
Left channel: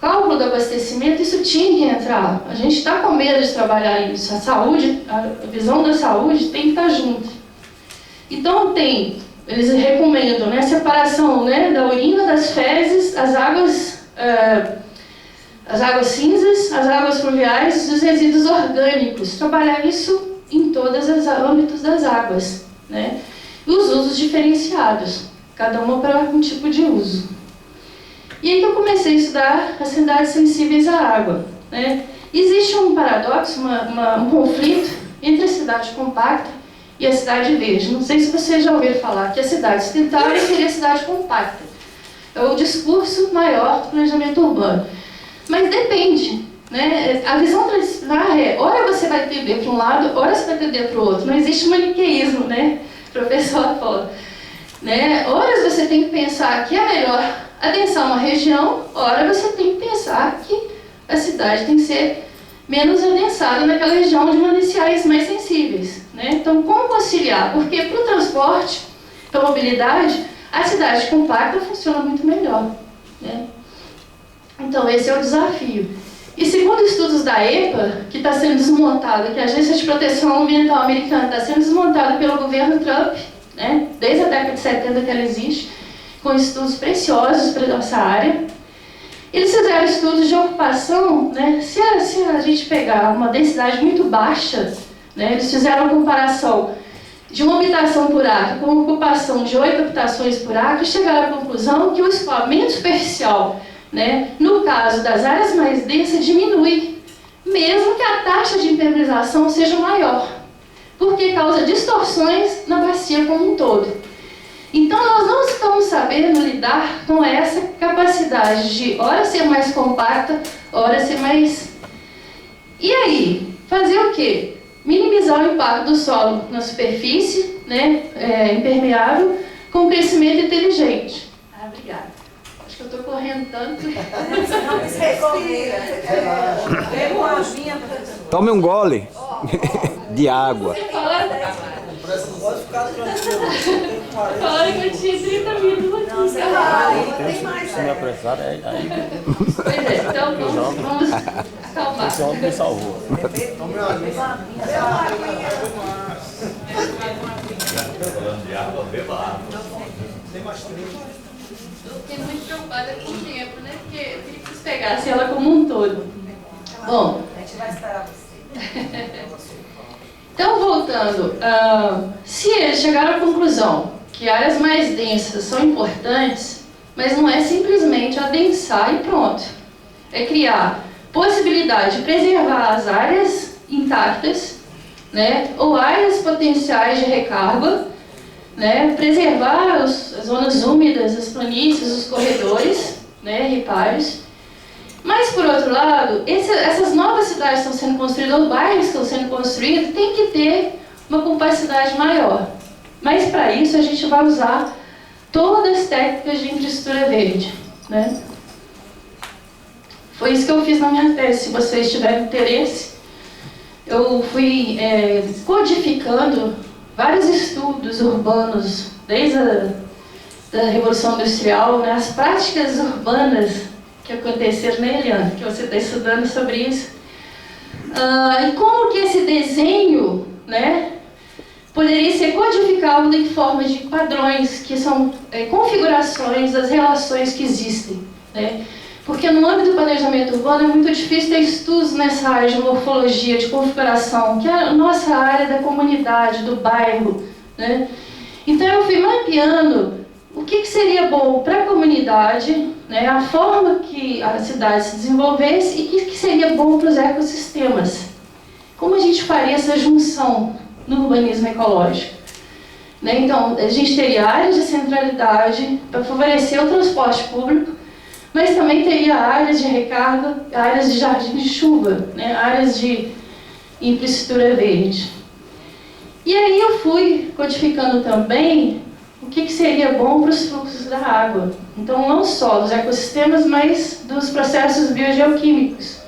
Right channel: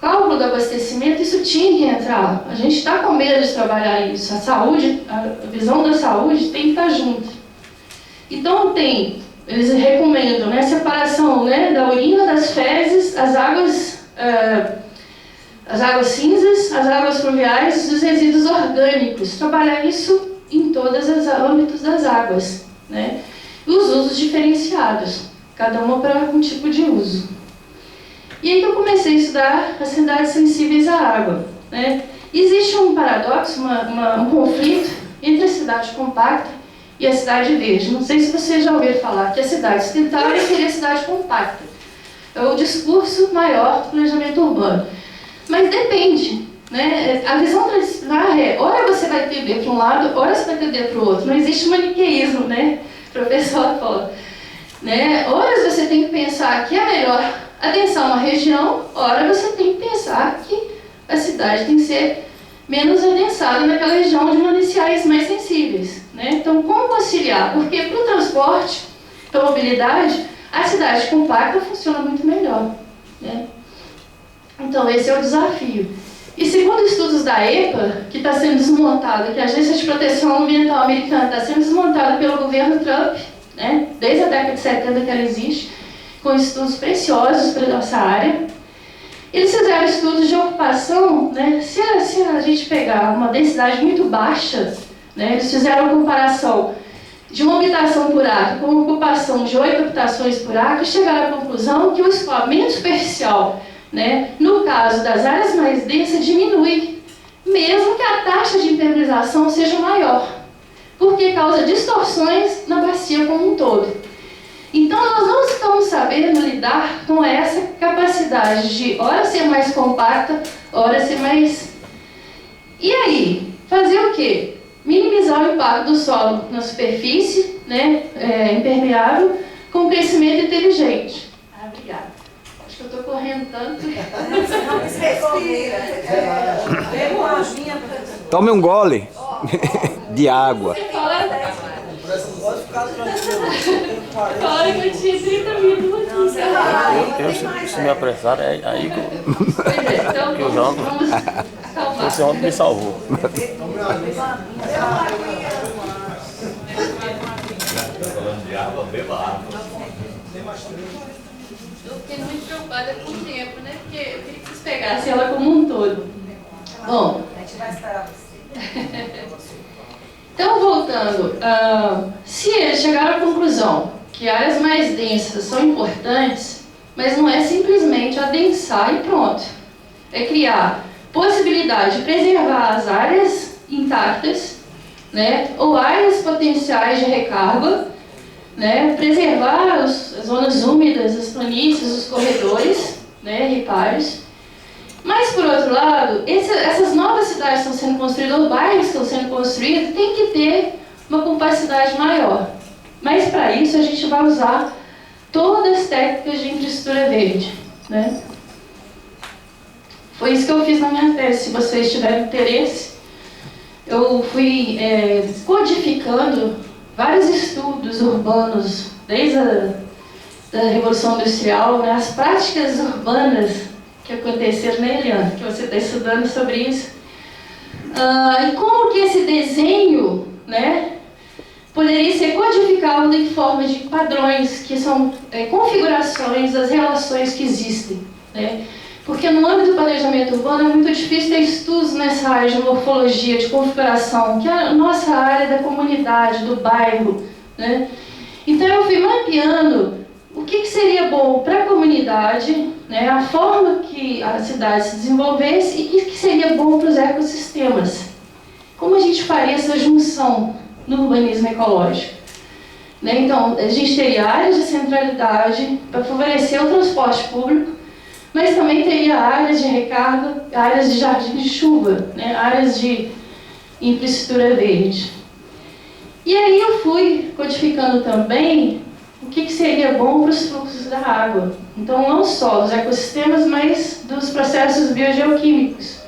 cálculo do abastecimento, isso tinha que entrar. A gente está com medo de trabalhar isso. A saúde, a visão da saúde tem que estar junto. Então, eles recomendam, né, a separação, né, da urina, das fezes, as águas as águas cinzas, as águas fluviais e os resíduos orgânicos. Trabalhar isso em todos os âmbitos das águas, né? E os usos diferenciados, cada uma para um tipo de uso. E aí que eu comecei a estudar as cidades sensíveis à água, né? Existe um paradoxo, um conflito entre a cidade compacta e a cidade verde. Não sei se vocês já ouviram falar que a cidade sustentável seria a cidade compacta. É o discurso maior do planejamento urbano. Mas depende, né? A visão tradicional é, ora você vai tender para um lado, ora você vai tender para o outro. Não existe maniqueísmo, né, professor Apolo? Né? Ora você tem que pensar que é melhor adensar uma região, ora você tem que pensar que a cidade tem que ser menos adensada naquela região de mananciais mais sensíveis, né? Então, como conciliar? Porque para o transporte, para a mobilidade, a cidade compacta funciona muito melhor, né? Então, esse é o desafio. E segundo estudos da EPA, que está sendo desmontada, que a Agência de Proteção Ambiental Americana está sendo desmontada pelo governo Trump, né? Desde a década de 70 que ela existe, com estudos preciosos para a nossa área. Eles fizeram estudos de ocupação, né? Se a gente pegar uma densidade muito baixa, né? Eles fizeram a comparação de uma habitação por acre com uma ocupação de 8 habitações por acre e chegaram à conclusão que o escoamento superficial, né, no caso das áreas mais densas, diminui, mesmo que a taxa de impermeabilização seja maior, porque causa distorções na bacia como um todo. Então, nós não estamos sabendo lidar com essa capacidade de, ora ser mais compacta, ora ser mais... E aí? Fazer o quê? Minimizar o impacto do solo na superfície, né, impermeável, com crescimento inteligente. Ah, obrigada. Acho que eu estou correndo tanto. Não, respira. Pega uma aguinha. Tome um gole de água. Fala que eu tinha 30 minutos aqui. Se me apressar, é aí Pois é, então vamos calmar. esse homem me salvou. Eu fiquei muito preocupada com o tempo, né? Porque eu queria que vocês pegassem ela como um todo. Bom, A gente vai esperar você. então voltando, se eles chegaram à conclusão que áreas mais densas são importantes, mas não é simplesmente adensar e pronto. É criar possibilidade de preservar as áreas intactas, né? Ou áreas potenciais de recarga, né? Preservar as zonas úmidas, as planícies, os corredores, né? Ripários. Mas, por outro lado, essas novas cidades que estão sendo construídas, ou bairros que estão sendo construídos, tem que ter uma capacidade maior. Mas, para isso, a gente vai usar todas as técnicas de infraestrutura verde, né? Foi isso que eu fiz na minha tese. Se vocês tiverem interesse, eu fui codificando vários estudos urbanos, desde a Revolução Industrial, né, as práticas urbanas que aconteceram, né, Eliana, que você está estudando sobre isso. E como que esse desenho, né, poderia ser codificado em forma de padrões, que são configurações das relações que existem, né? Porque no âmbito do planejamento urbano é muito difícil ter estudos nessa área de morfologia, de configuração, que é a nossa área da comunidade, do bairro, né? Então eu fui mapeando o que seria bom para a comunidade, né? A forma que a cidade se desenvolvesse e o que seria bom para os ecossistemas. Como a gente faria essa junção no urbanismo ecológico? Né? Então, a gente teria áreas de centralidade para favorecer o transporte público, mas também teria áreas de recarga, áreas de jardim de chuva, né? Áreas de infraestrutura verde. E aí eu fui codificando também o que seria bom para os fluxos da água. Então, não só dos ecossistemas, mas dos processos biogeoquímicos.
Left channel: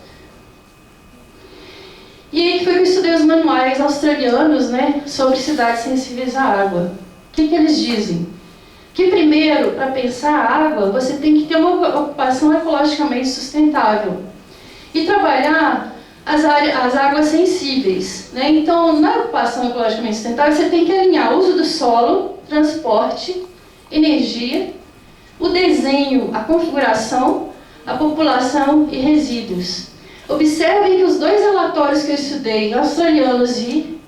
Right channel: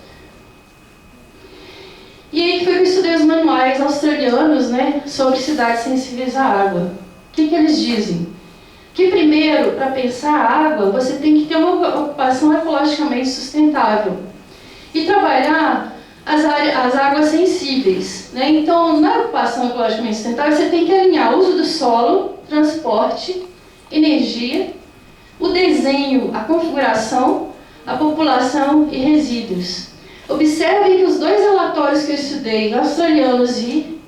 E aí foi que eu estudei os manuais australianos, né, sobre cidades sensíveis à água. O que eles dizem? Que primeiro, para pensar a água, você tem que ter uma ocupação ecologicamente sustentável e trabalhar as águas sensíveis, né? Então, na ocupação ecologicamente sustentável, você tem que alinhar o uso do solo, transporte, energia, o desenho, a configuração, a população e resíduos. Observem que os dois relatórios que eu estudei, australianos e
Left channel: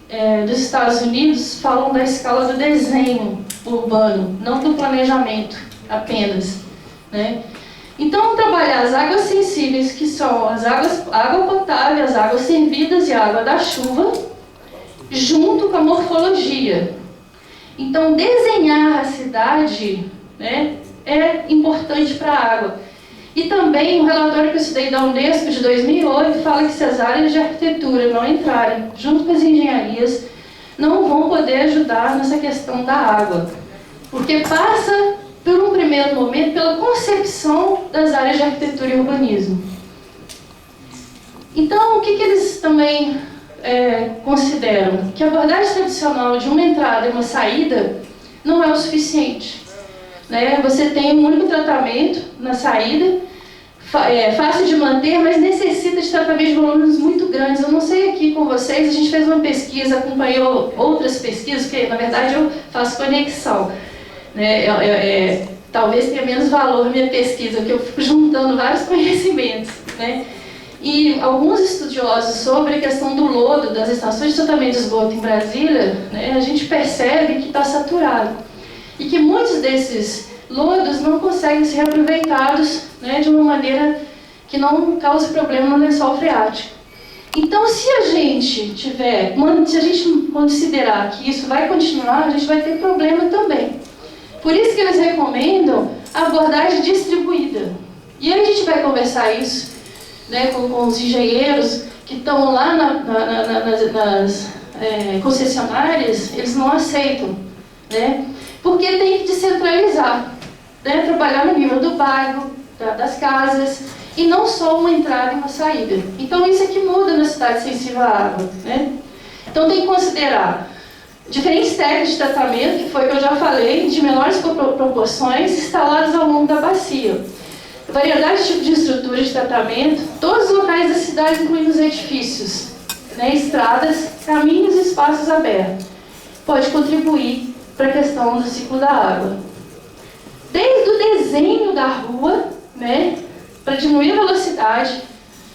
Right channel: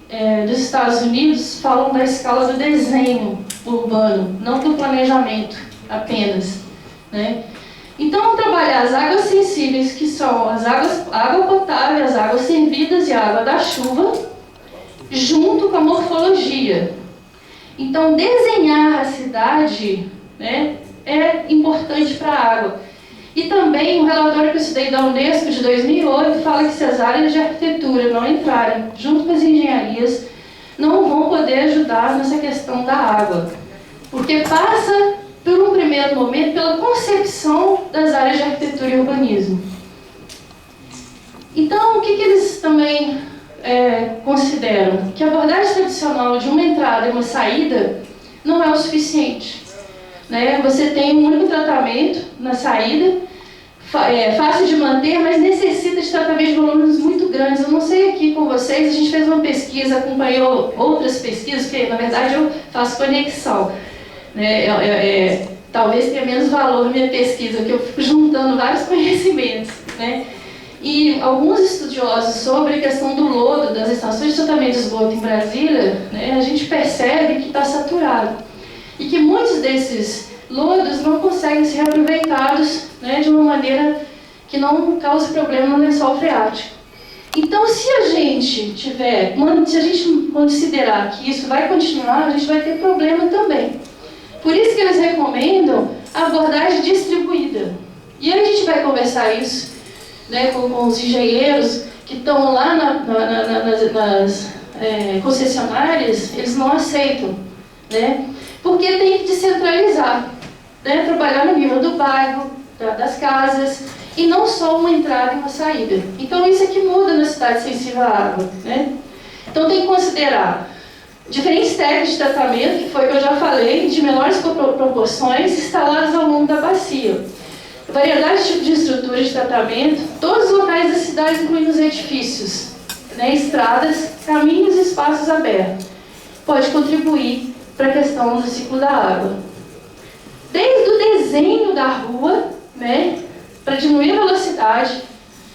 dos Estados Unidos, falam da escala do desenho urbano, não do planejamento apenas, né? Então, trabalhar as águas sensíveis, que são água potável, as águas servidas e a água da chuva, junto com a morfologia. Então, desenhar a cidade, né, é importante para a água. E também, um relatório que eu estudei da Unesco de 2008 fala que se as áreas de arquitetura não entrarem junto com as engenharias, não vão poder ajudar nessa questão da água. Porque passa, por um primeiro momento, pela concepção das áreas de arquitetura e urbanismo. Então, o que eles também consideram? Que a abordagem tradicional de uma entrada e uma saída não é o suficiente, né? Você tem um único tratamento na saída, fácil de manter, mas necessita de tratamento de volumes muito grandes. Eu não sei aqui com vocês, a gente fez uma pesquisa, acompanhou outras pesquisas, porque na verdade eu faço conexão, né? Talvez tenha menos valor a minha pesquisa, porque eu fico juntando vários conhecimentos, né? E alguns estudiosos sobre a questão do lodo das estações de tratamento de esgoto em Brasília, né, a gente percebe que está saturado e que muitos desses lodos não conseguem ser aproveitados, né, de uma maneira que não cause problema no lençol freático. Então, se a gente considerar que isso vai continuar, a gente vai ter problema também. Por isso que eles recomendam a abordagem distribuída. E aí a gente vai conversar isso, né, com os engenheiros que estão lá nas concessionárias, eles não aceitam, né, porque tem que descentralizar, né, trabalhar no nível do bairro, das casas, e não só uma entrada e uma saída. Então isso é que muda na cidade sensível à água, né? Então tem que considerar diferentes técnicas de tratamento, que foi o que eu já falei, de menores proporções, instaladas ao longo da bacia. Variedade de tipo de estrutura de tratamento, todos os locais da cidade, incluindo os edifícios, né, estradas, caminhos e espaços abertos. Pode contribuir para a questão do ciclo da água. Desde o desenho da rua, né, para diminuir a velocidade,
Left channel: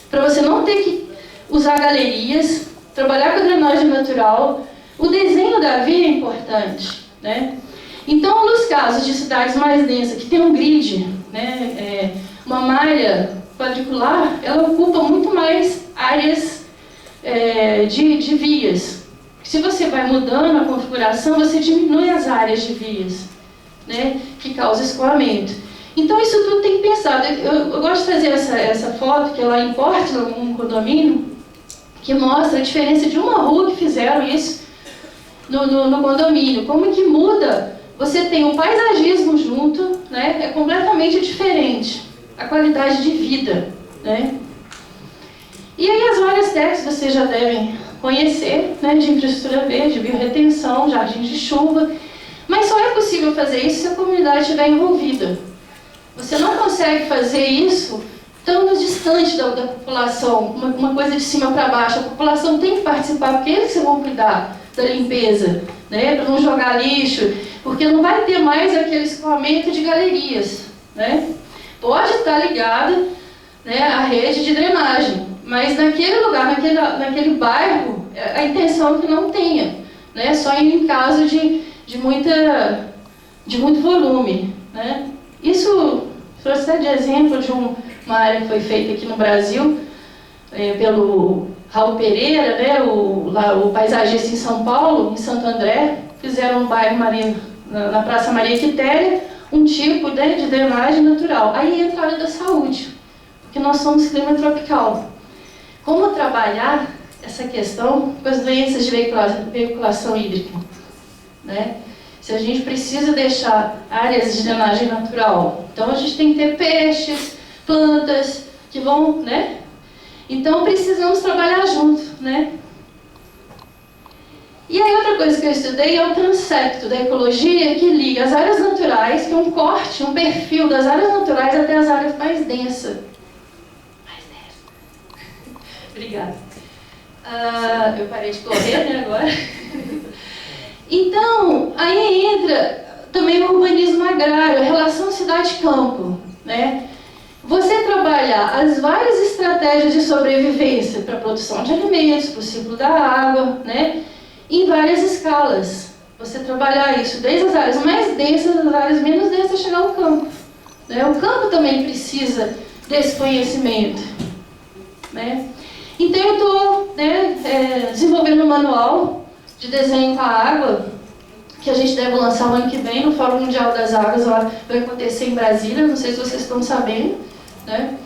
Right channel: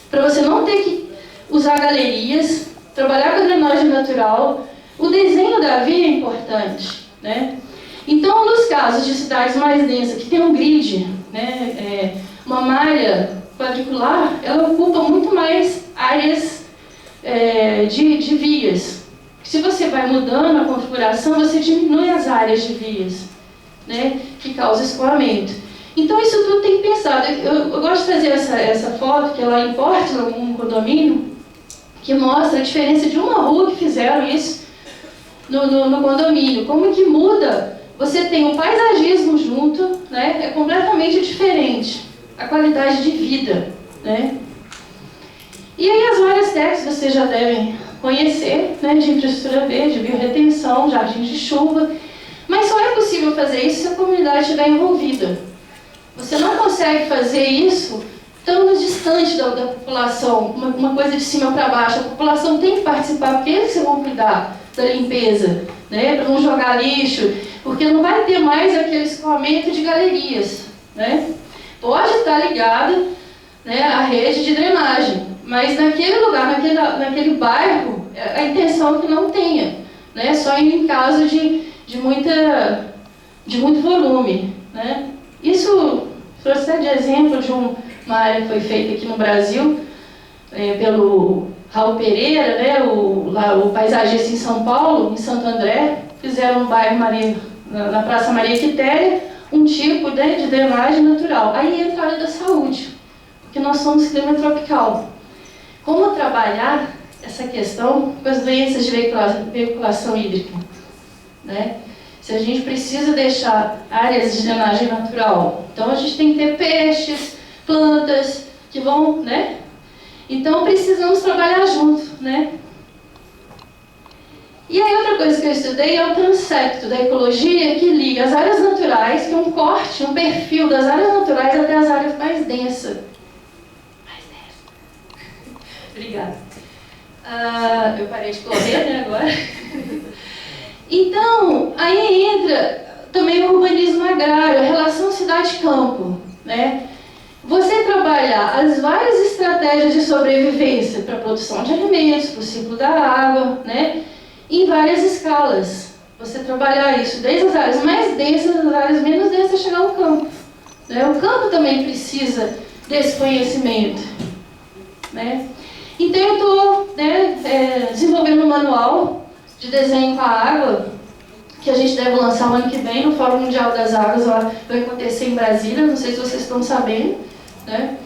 para você não ter que usar galerias, trabalhar com a drenagem natural, o desenho da via é importante, né? Então, nos casos de cidades mais densas, que tem um grid, né, uma malha quadricular, ela ocupa muito mais áreas de vias. Se você vai mudando a configuração, você diminui as áreas de vias, né, que causa escoamento. Então, isso tudo tem que pensar. Eu gosto de trazer essa foto, que é lá em Portland, um condomínio, que mostra a diferença de uma rua que fizeram isso no condomínio. Como que muda. Você tem o paisagismo junto, né? É completamente diferente a qualidade de vida, né? E aí as várias técnicas vocês já devem conhecer, né? De infraestrutura verde, biorretenção, jardins de chuva, mas só é possível fazer isso se a comunidade estiver envolvida. Você não consegue fazer isso tão distante da população, uma coisa de cima para baixo. A população tem que participar, porque eles que vão cuidar da limpeza, né? Para não jogar lixo, porque não vai ter mais aquele escoamento de galerias, né? Pode estar ligado, né, à rede de drenagem, mas naquele lugar, naquele bairro, a intenção é que não tenha, né? Só em caso de muito volume, né? Isso trouxe até de exemplo de uma área que foi feita aqui no Brasil, pelo Raul Pereira, né, o paisagista em São Paulo, em Santo André, fizeram no bairro na Praça Maria Quitéria, um tipo, né, de drenagem natural. Aí entra a área da saúde, porque nós somos clima tropical. Como trabalhar essa questão com as doenças de veiculação hídrica, né? Se a gente precisa deixar áreas de drenagem natural, então a gente tem que ter peixes, plantas que vão, né? Então precisamos trabalhar junto, né? E aí outra coisa que eu estudei é o transepto da ecologia, que liga as áreas naturais, que é um corte, um perfil das áreas naturais até as áreas mais densas. Obrigada. Eu parei de correr, né, agora. Então, aí entra também o urbanismo agrário, a relação cidade-campo, né? você trabalhar as várias estratégias de sobrevivência para a produção de alimentos, para o ciclo da água, né, em várias escalas. Você trabalhar isso desde as áreas mais densas às áreas menos densas, chegar ao campo. Né? O campo também precisa desse conhecimento. Né? Então eu estou desenvolvendo um manual de desenho com a água, que a gente deve lançar o ano que vem no Fórum Mundial das Águas, vai acontecer em Brasília, não sei se vocês estão sabendo. Né?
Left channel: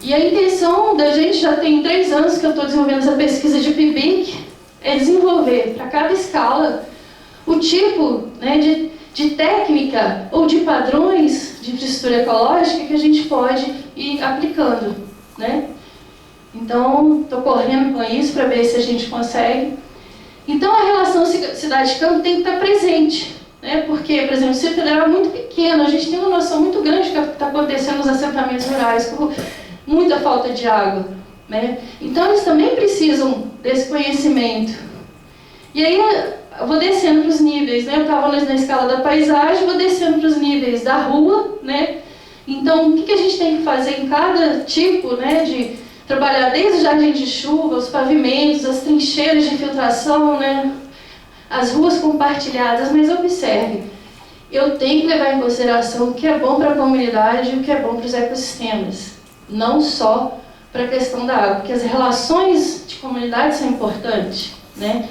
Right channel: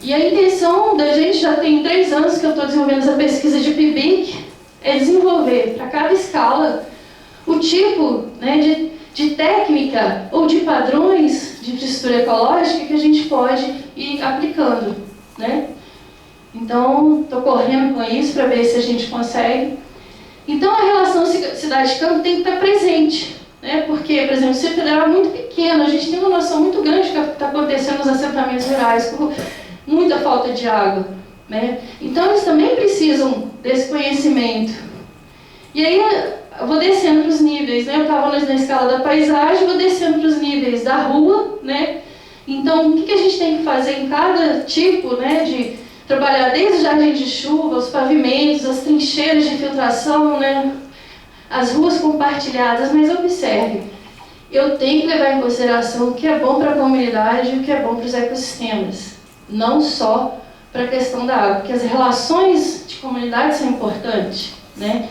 E a intenção da gente, já tem 3 anos que eu estou desenvolvendo essa pesquisa de PIBIC, é desenvolver para cada escala o tipo, né, de técnica ou de padrões de infraestrutura ecológica que a gente pode ir aplicando. Né? Então, estou correndo com isso para ver se a gente consegue. Então, a relação cidade-campo tem que estar presente. Né? Porque, por exemplo, o Distrito Federal é muito pequeno, a gente tem uma noção muito grande do que está acontecendo nos assentamentos rurais, por muita falta de água. Né? Então, eles também precisam desse conhecimento. E aí, eu vou descendo para os níveis. Né? Eu estava na escala da paisagem, vou descendo para os níveis da rua. Né? Então, o que a gente tem que fazer em cada tipo, né, de trabalhar desde o jardim de chuva, os pavimentos, as trincheiras de infiltração, né, as ruas compartilhadas, mas observe, eu tenho que levar em consideração o que é bom para a comunidade e o que é bom para os ecossistemas, não só para a questão da água, porque as relações de comunidade são importantes, né?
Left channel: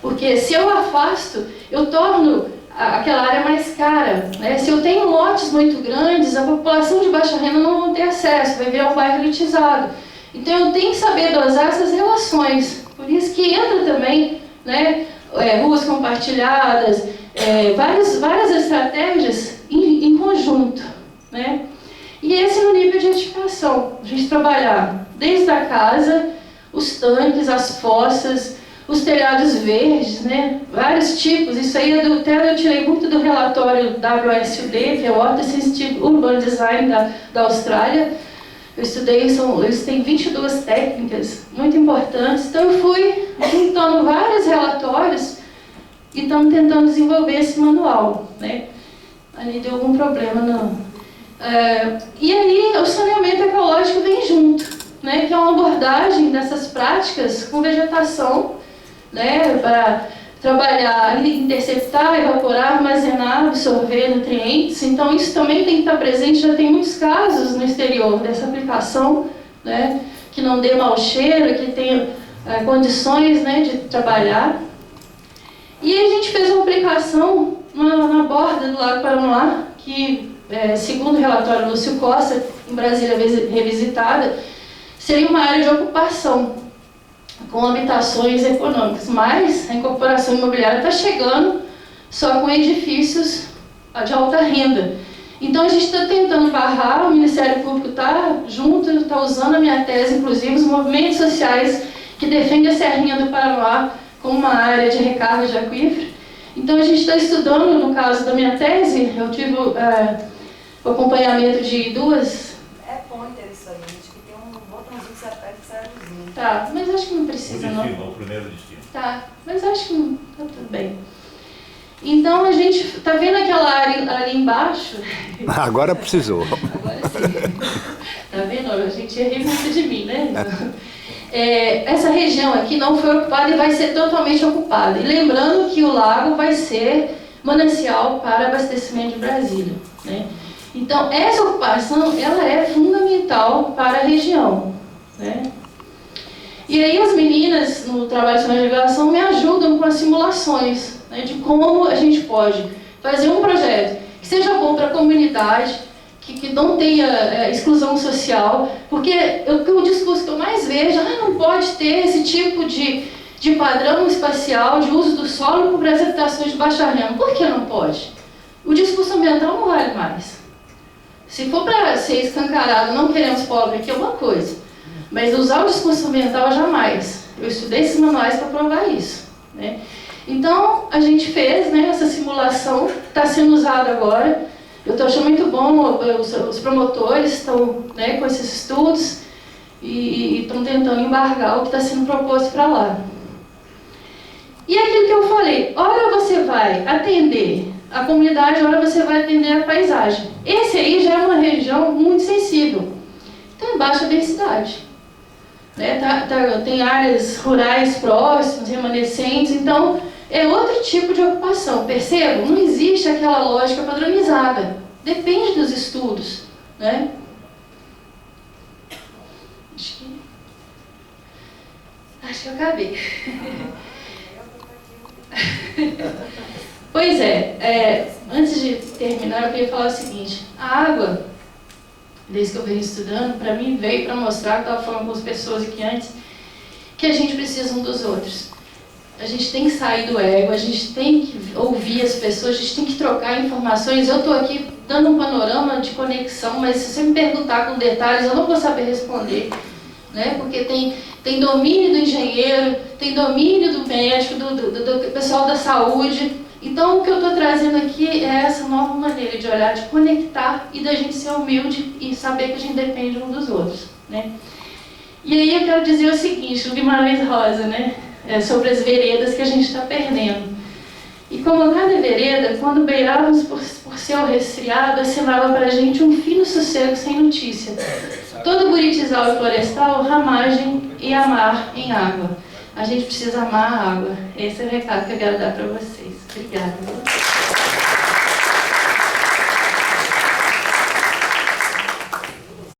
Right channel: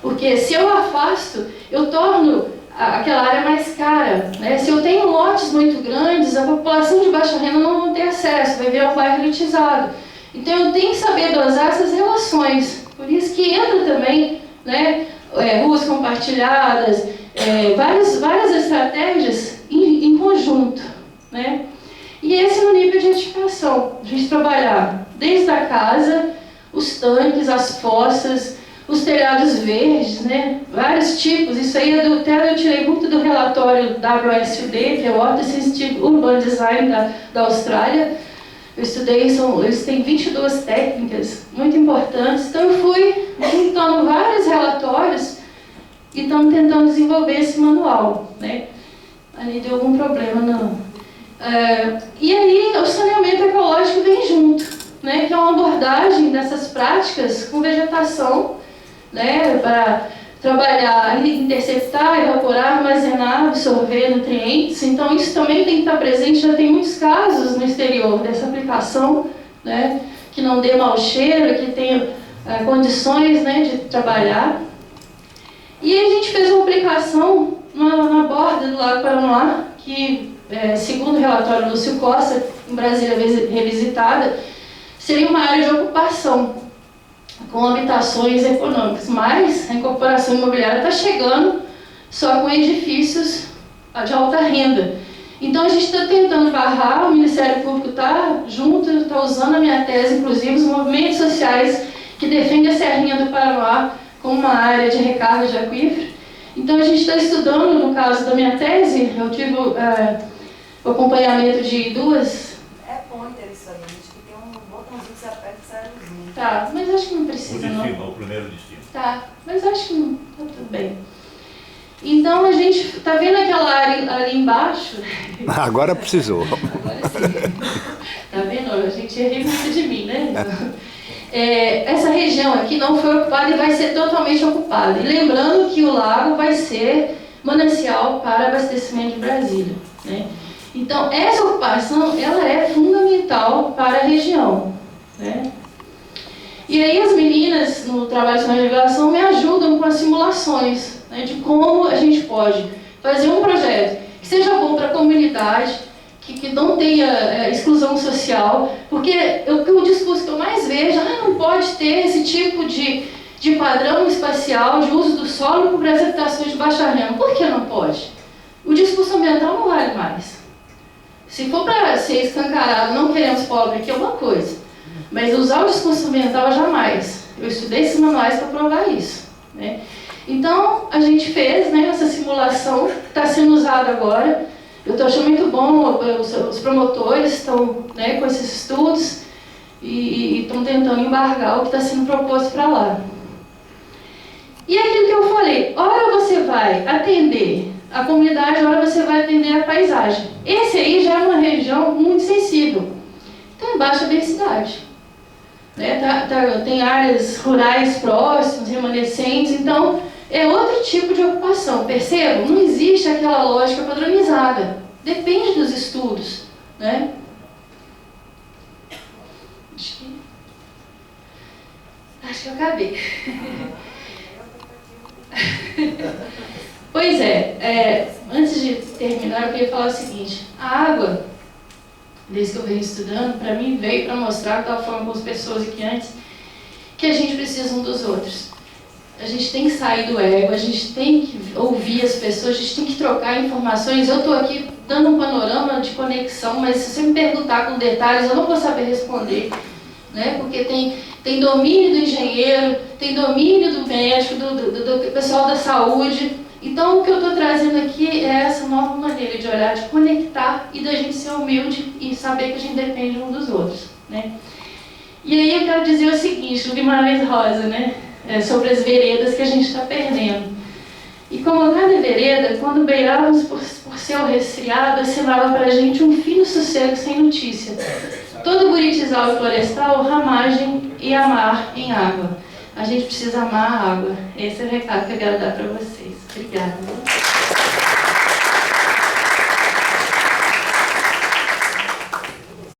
Porque se eu afasto, eu torno aquela área mais cara, né? Se eu tenho lotes muito grandes, a população de baixa renda não vai ter acesso, vai virar um bairro elitizado. Então eu tenho que saber dosar essas relações, por isso que entra também, né, ruas compartilhadas, várias estratégias em conjunto. Né? E esse é o nível de edificação, a gente trabalhar desde a casa, os tanques, as fossas, os telhados verdes, né? Vários tipos, isso aí eu tirei muito do relatório WSUD, que é o Water Sensitive Urban Design da Austrália. Eu estudei, eles têm 22 técnicas muito importantes, então eu fui juntando vários relatórios e estamos tentando desenvolver esse manual. Né? Ali deu algum problema, não. E aí o saneamento ecológico vem junto, né? Que é uma abordagem dessas práticas com vegetação, né? Para trabalhar, interceptar, evaporar, armazenar, absorver nutrientes. Então isso também tem que estar presente, já tem muitos casos no exterior dessa aplicação, né, que não dê mau cheiro, que tenha condições, né, de trabalhar. E aí a gente fez uma aplicação na borda do Lago Paranoá, que, segundo o relatório Lúcio Costa, em Brasília Revisitada, seria uma área de ocupação com habitações econômicas, mas a incorporação imobiliária está chegando só com edifícios de alta renda. Então a gente está tentando barrar, o Ministério Público está junto, está usando a minha tese, inclusive os movimentos sociais que defendem a Serrinha do Paranoá como uma área de recarga de aquífero. Então a gente está estudando, no caso da minha tese, eu tive o acompanhamento de 2... É pointer isso aí, acho que tem um botãozinho que você aperta e sai a luzinha. Tá, mas acho que não precisa, não. O destino, o primeiro destino. Tá, mas acho que não, tá tudo bem. Então a gente tá vendo aquela área ali embaixo. Agora precisou. Agora sim. Tá vendo? A gente ri muito de mim, né? Essa região aqui não foi ocupada e vai ser totalmente ocupada. E lembrando que o lago vai ser manancial para abastecimento de Brasília, né? Então essa ocupação ela é fundamental para a região, né? E aí as meninas no trabalho de navegação me ajudam com as simulações, né, de como a gente pode fazer um projeto que seja bom para a comunidade, que não tenha exclusão social, porque o discurso que eu mais vejo, não pode ter esse tipo de padrão espacial de uso do solo para as habitações de baixa renda. Por que não pode? O discurso ambiental não vale mais. Se for para ser escancarado, não queremos pobre aqui é uma coisa. Mas usar o discurso ambiental jamais. Eu estudei esses manuais para provar isso. Né? Então, a gente fez, né, essa simulação, que está sendo usada agora. Eu estou achando muito bom, os promotores estão, né, com esses estudos e estão tentando embargar o que está sendo proposto para lá. E aquilo que eu falei, ora você vai atender a comunidade, ora você vai atender a paisagem. Esse aí já é uma região muito sensível. em baixa densidade. Né? Tem áreas rurais próximas, remanescentes, então é outro tipo de ocupação. Percebam? Não existe aquela lógica padronizada. Depende dos estudos. Né? Acho que eu acabei. Pois antes de terminar, eu queria falar o seguinte. A água, desde que eu venho estudando, para mim veio para mostrar, que eu estava falando com as pessoas aqui antes, que a gente precisa um dos outros. A gente tem que sair do ego, a gente tem que ouvir as pessoas, a gente tem que trocar informações. Eu estou aqui dando um panorama de conexão, mas se você me perguntar com detalhes, eu não vou saber responder. Né? Porque tem domínio do engenheiro, tem domínio do médico, do pessoal da saúde. Então, o que eu estou trazendo aqui é essa nova maneira de olhar, de conectar e da gente ser humilde e saber que a gente depende um dos outros. Né? E aí eu quero dizer o seguinte, o Guimarães Rosa, né? Sobre as veredas que a gente está perdendo. E como cada vereda, quando beirávamos por céu resfriado, assinava para a gente um fino sossego sem notícia. Todo buritizal e florestal, ramagem e amar em água. A gente precisa amar a água. Esse é o recado que eu quero dar para vocês. Obrigada.